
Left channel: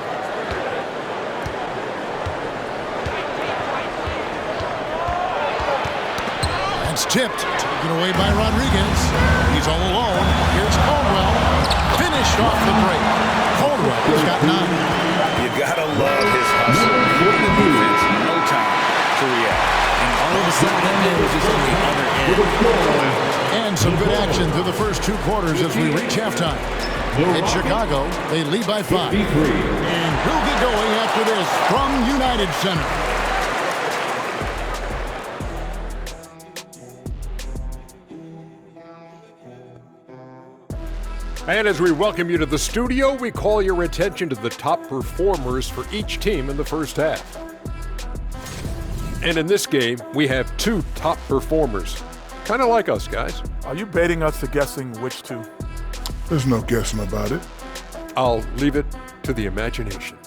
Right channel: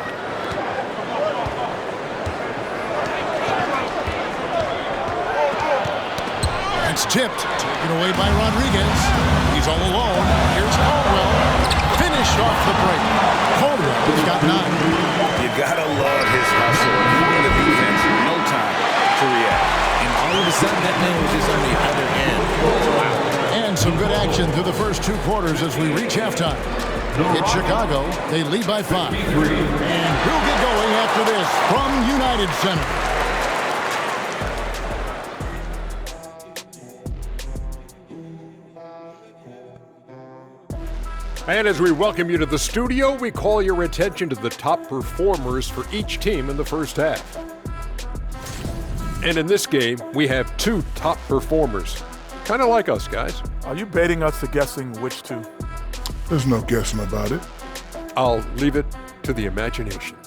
That's tipped. Taken away by Rodriguez. He's all alone. Here's Caldwell. Finished off the break. Caldwell's got 9. You gotta love his hustle. Giving the defense no time to react. And all of a sudden, that man was just on the other end. Wow. And some good action through the first 2 quarters as we reach halftime. In Chicago, they lead by 5. And we'll get going after this from United Center. And as we welcome you to the studio, we call your attention to the top performers for each team in the first half. And in this game, we have 2 top performers. Kind of like us, guys. Are you baiting us to guessing which 2? There's no guessing about it. I'll leave it to the imagination.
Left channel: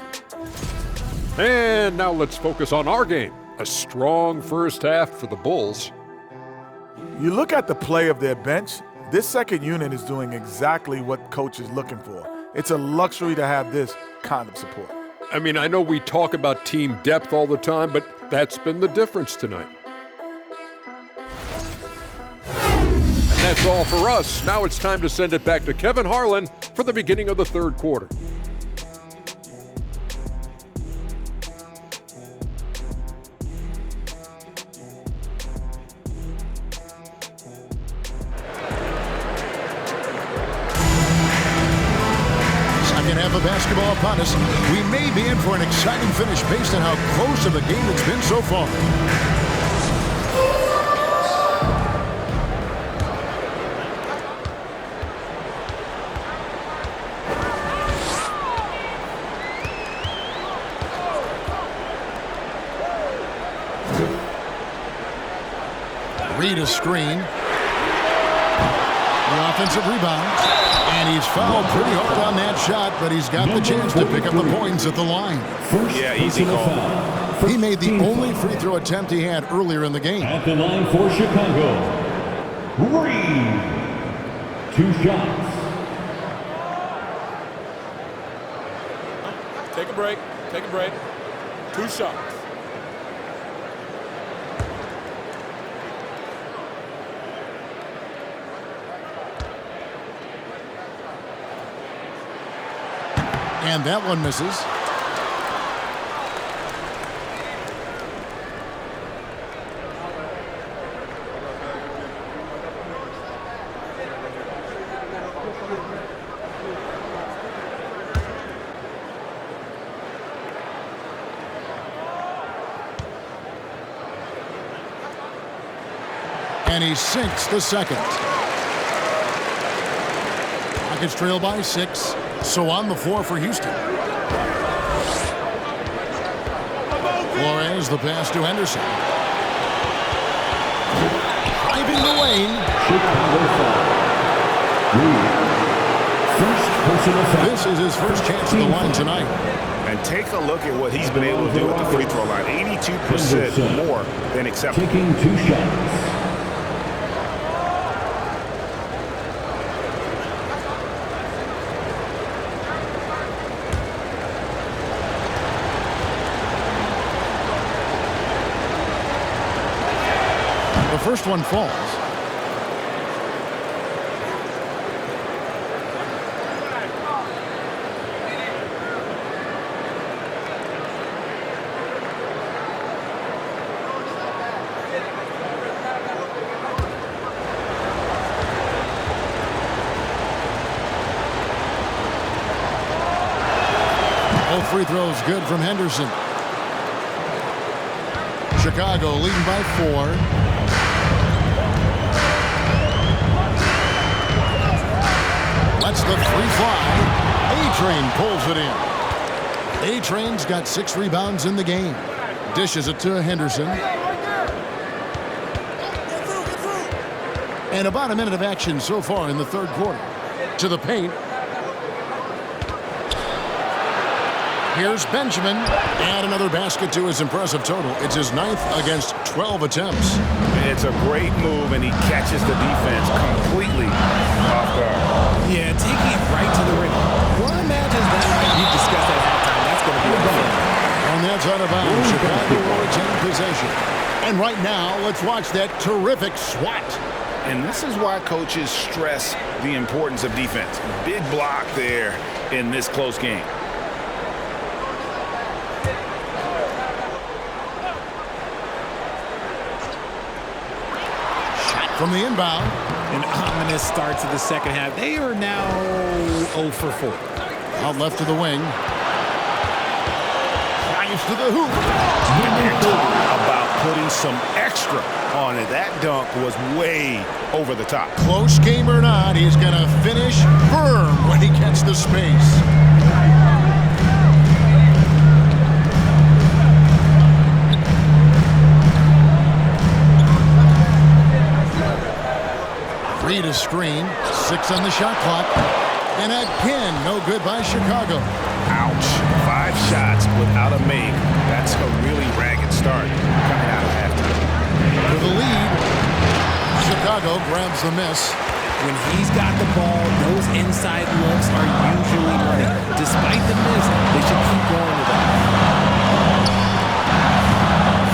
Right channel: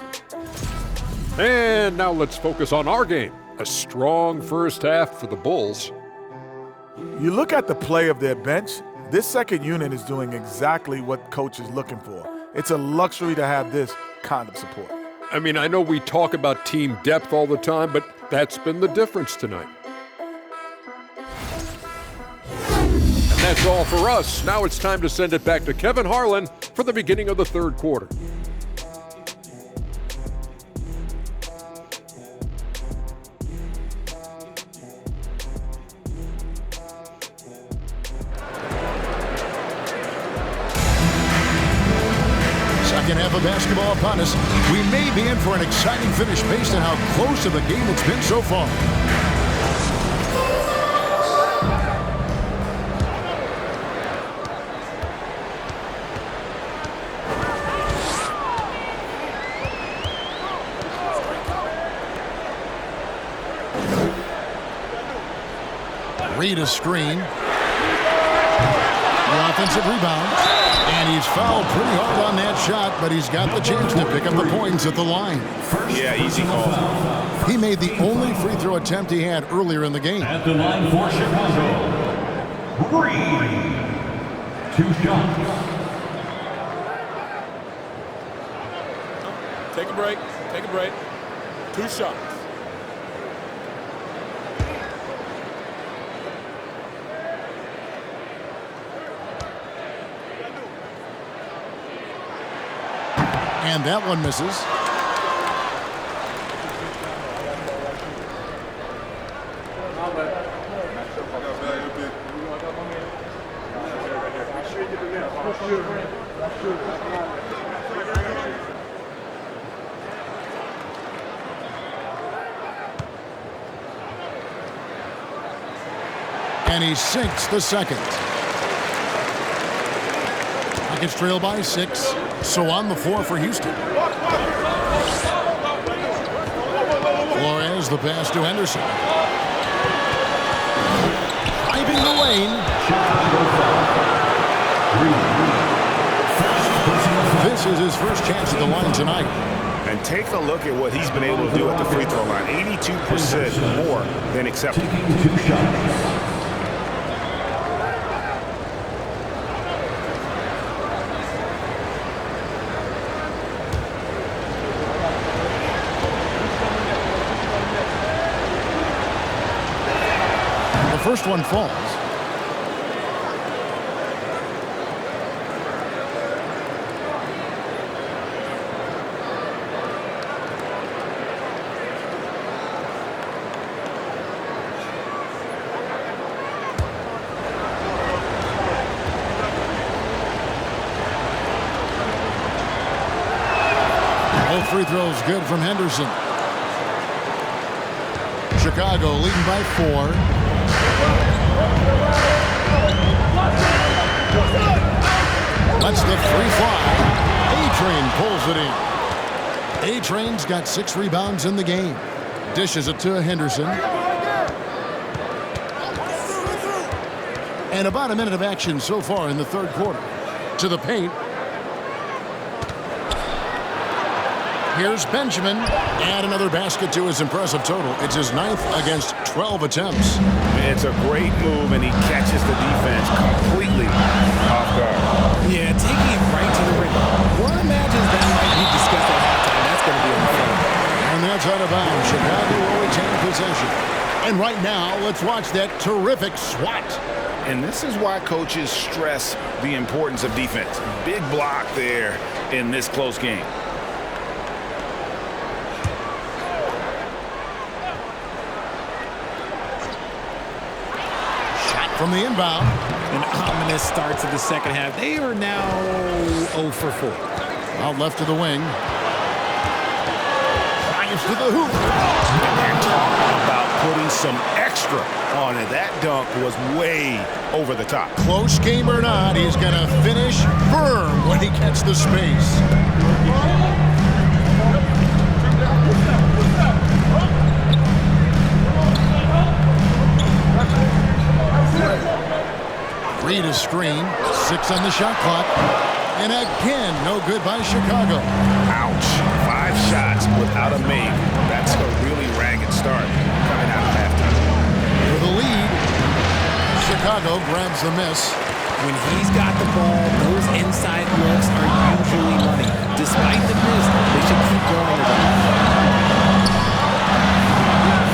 And now let's focus on our game. A strong first half for the Bulls. You look at the play of their bench, this second unit is doing exactly what coach is looking for. It's a luxury to have this kind of support. I mean, I know we talk about team depth all the time, but that's been the difference tonight. And that's all for us. Now it's time to send it back to Kevin Harlan for the beginning of the third quarter. Second half of basketball upon us. We may be in for an exciting finish based on how close of a game it's been so far. Read a screen. The offensive rebound. And he's fouled pretty hard on that shot, but he's got the chance to pick up the points at the line. Yeah, easy call. He made the only free throw attempt he had earlier in the game. At the line for Chicago, Reed. 2 shots. Take a break. Take a break. 2 shots. And that one misses. And he sinks the second. Rockets trail by 6. So on the floor for Houston. Flores, the pass to Henderson. Driving the lane. This is his first chance at the line tonight. And take a look at what he's been able to do at the free throw line. 82% more than acceptable. Taking 2 shots. The first one falls. Both free throws good from Henderson. Chicago leading by 4. Lets the 3 fly. A-Train pulls it in. A-Train's got 6 rebounds in the game. Dishes it to Henderson. And about a minute of action so far in the third quarter. To the paint. Here's Benjamin. And another basket to his impressive total. It's his 9th against 12 attempts. It's a great move, and he catches the defense completely off guard. Yeah, taking it right to the rim. One imagines that might be discussed at halftime. That's going to be on the film. And that's out of bounds. Chicago will retain possession. And right now, let's watch that terrific swat. And this is why coaches stress the importance of defense. Big block there in this close game. From the inbound. An ominous start to the second half. They are now 0 for 4. Out left to the wing. Drives to the hoop. And talk about putting some extra on it. That dunk was way over the top. Close game or not, he's going to finish firm when he gets the space. Read a screen. 6 on the shot clock. And again, no good by Chicago. Ouch. 5 shots without a make. That's a really ragged start coming out of halftime. For the lead, Chicago grabs the miss. When he's got the ball, those inside looks are usually money. Despite the miss, they should keep going to that.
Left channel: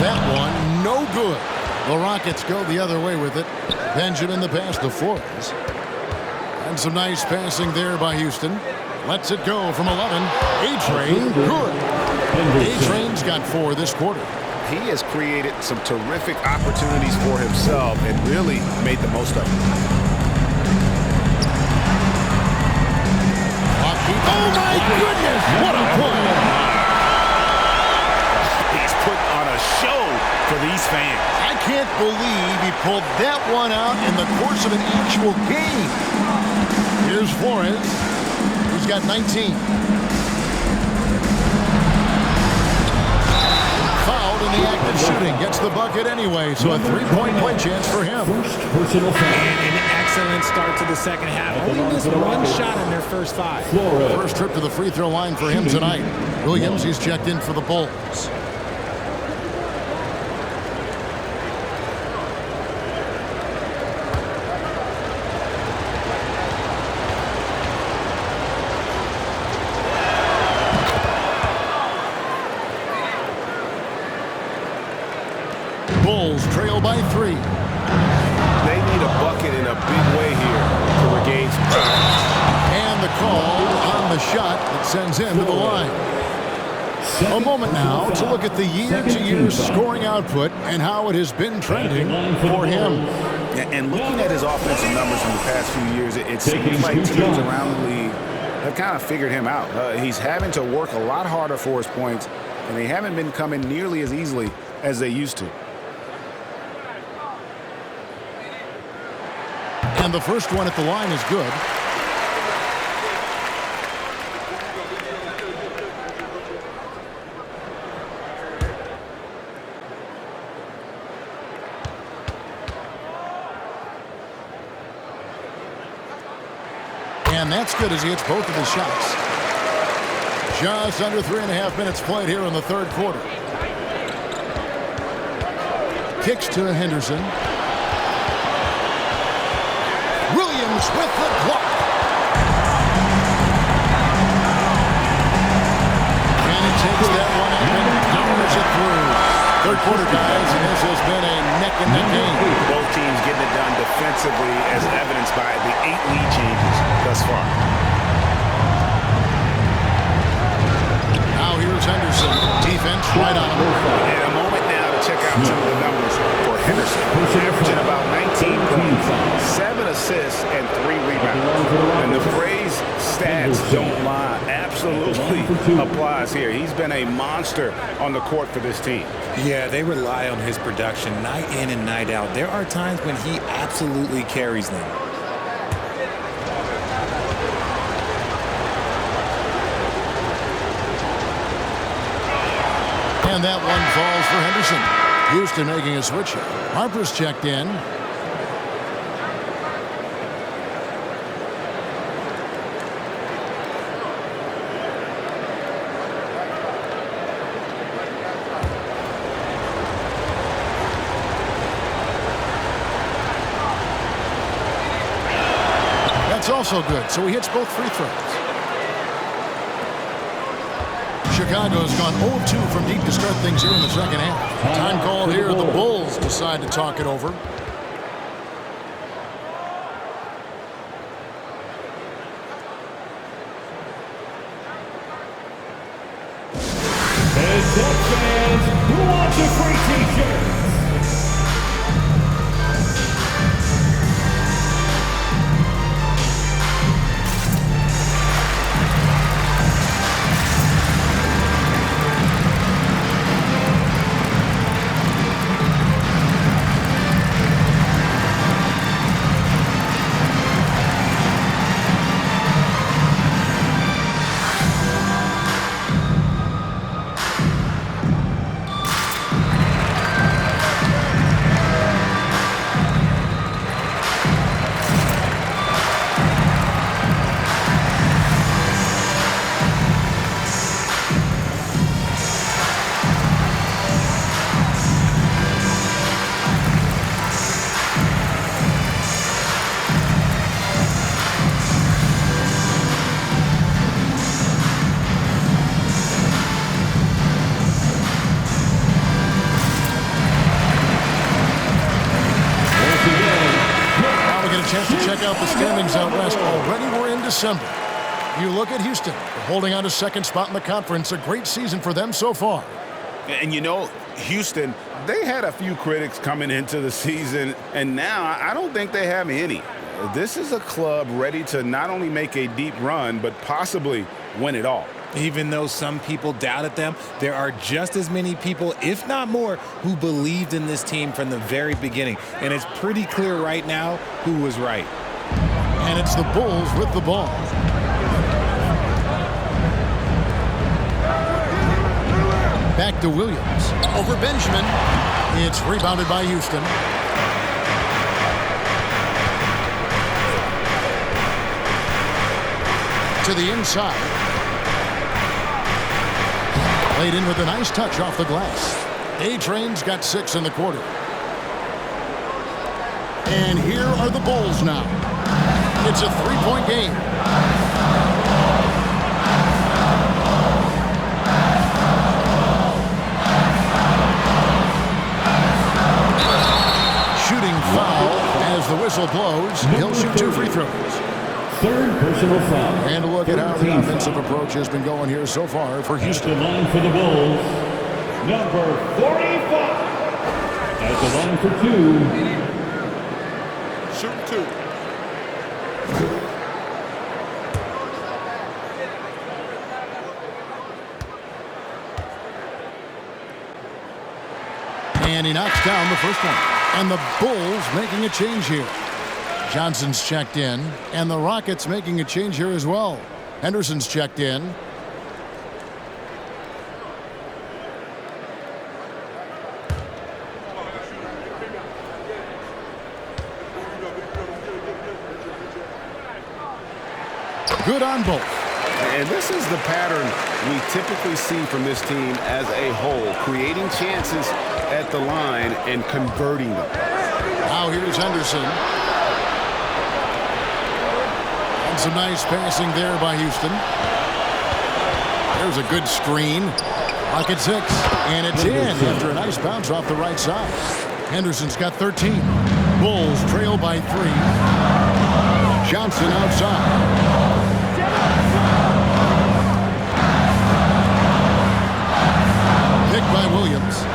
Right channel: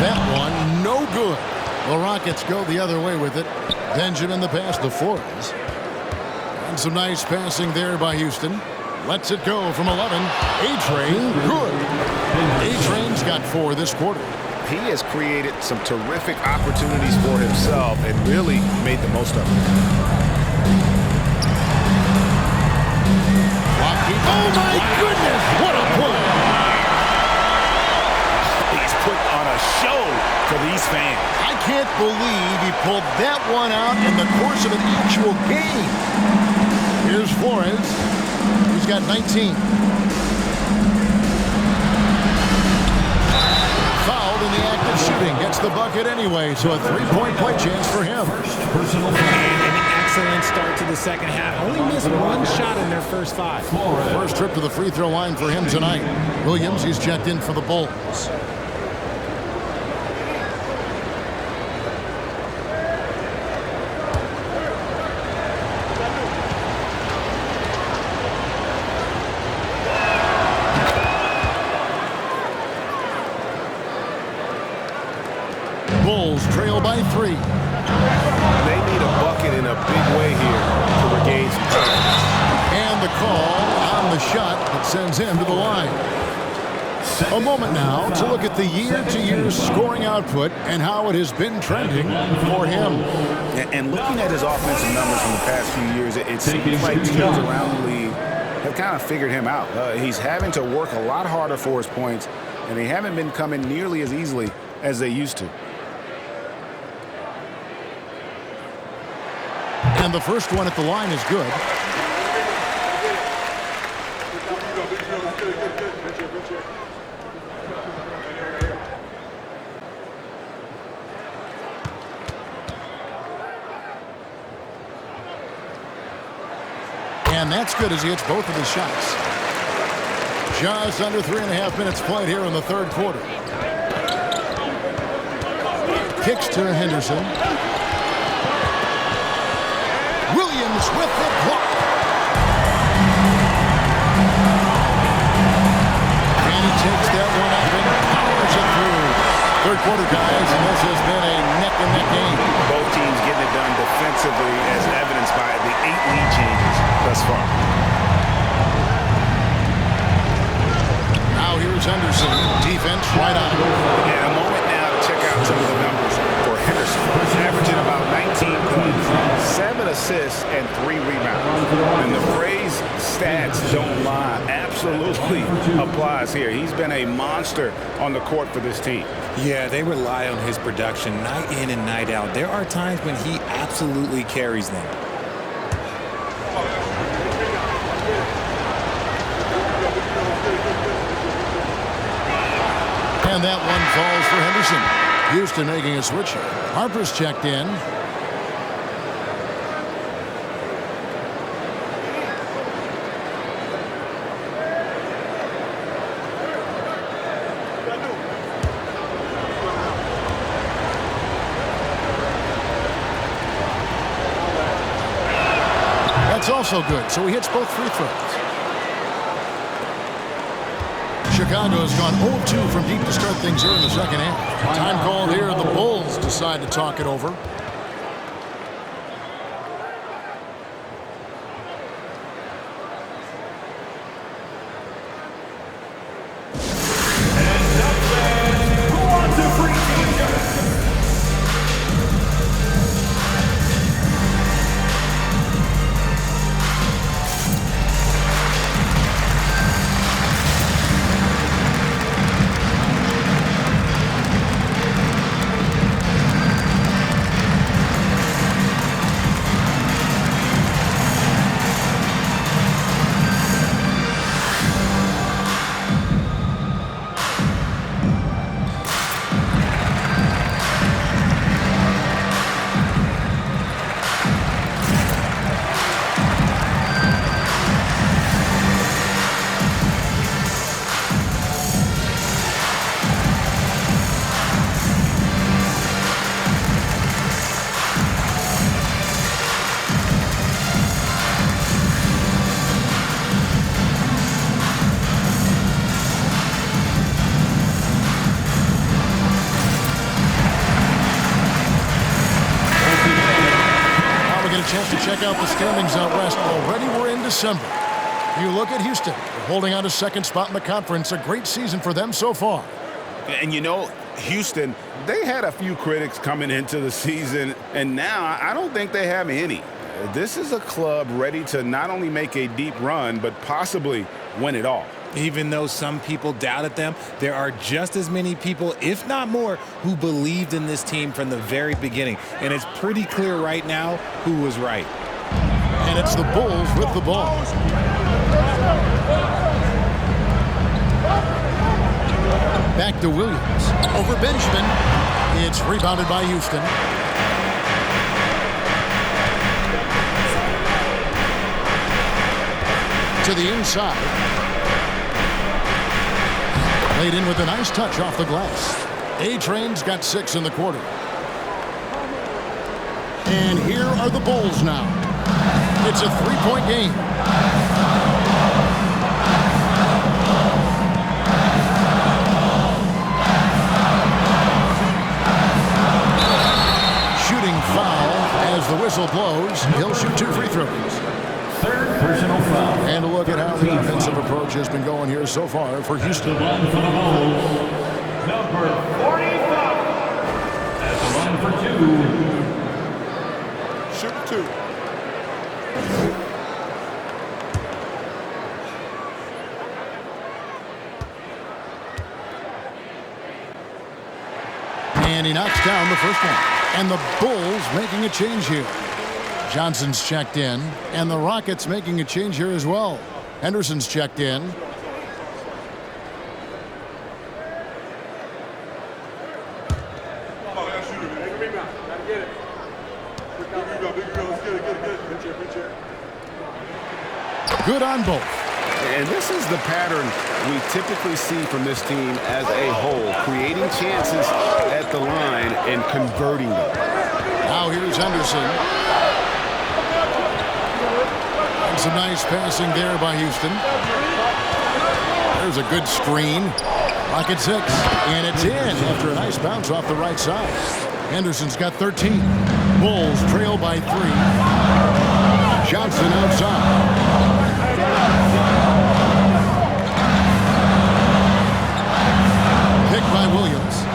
That one, no good. The Rockets go the other way with it. Benjamin the pass to Flores. And some nice passing there by Houston. Lets it go from 11. A-Train, good. A-Train's got 4 this quarter. He has created some terrific opportunities for himself and really made the most of them. Oh, my goodness! What a play! He's put on a show for these fans. I can't believe he pulled that one out in the course of an actual game. Here's Flores. He's got 19. Fouled in the act of shooting. Gets the bucket anyway, so a 3-point play chance for him. And an excellent start to the second half. Only missed 1 shot in their first 5. First trip to the free throw line for him tonight. Williams, he's checked in for the Bulls. Bulls trail by 3. They need a bucket in a big way here to regain some confidence. And the call on the shot that sends him to the line. A moment now to look at the year-to-year scoring output and how it has been trending for him. And looking at his offensive numbers from the past few years, it seems like teams around the league have kind of figured him out. He's having to work a lot harder for his points, and they haven't been coming nearly as easily as they used to. And the first one at the line is good. And that's good as he hits both of his shots. Just under 3.5 minutes played here in the third quarter. Kicks to Henderson. Williams with the block. And he takes that one up and powers it through. Third quarter, guys, and this has been a neck-and-neck game. Both teams getting it done defensively as evidenced by the 8 lead changes thus far. Now here's Henderson. Defense right on. And a moment now to check out some of the numbers for Henderson. Averaging about 19 points, 7 assists, and 3 rebounds. And the phrase stats don't lie absolutely applies here. He's been a monster on the court for this team. Yeah, they rely on his production night in and night out. There are times when he absolutely carries them. And that one falls for Henderson. Houston making a switch here. Harper's checked in. That's also good, so he hits both free throws. Chicago's gone 0-2 from deep to start things here in the second half. Time called here. The Bulls decide to talk it over. Heads up, fans. Who wants a free t-shirt? get a chance to check out the standings out west. Already we're in December. You look at Houston. They're holding on to second spot in the conference. A great season for them so far. And you know, Houston, they had a few critics coming into the season, and now I don't think they have any. This is a club ready to not only make a deep run, but possibly win it all. Even though some people doubted them, there are just as many people, if not more, who believed in this team from the very beginning. And it's pretty clear right now who was right. And it's the Bulls with the ball. Back to Williams. Over Benjamin. It's rebounded by Houston. To the inside. Laid in with a nice touch off the glass. A-Train's got 6 in the quarter. And here are the Bulls now. It's a 3-point game. Shooting foul as the whistle blows. He'll shoot 2 free throws. Third personal foul. And a look at how the offensive approach has been going here so far for Houston. At the line for the Bulls, number 45. At the line for 2. Shoot 2. And he knocks down the first one. And the Bulls making a change here. Johnson's checked in, and the Rockets making a change here as well. Henderson's checked in. Good on both. And this is the pattern we typically see from this team as a whole, creating chances at the line and converting them. Now here's Henderson. And some nice passing there by Houston. There's a good screen. Rocket 6. And it's in after a nice bounce off the right side. Henderson's got 13. Bulls trail by 3. Johnson outside. Picked by Williams.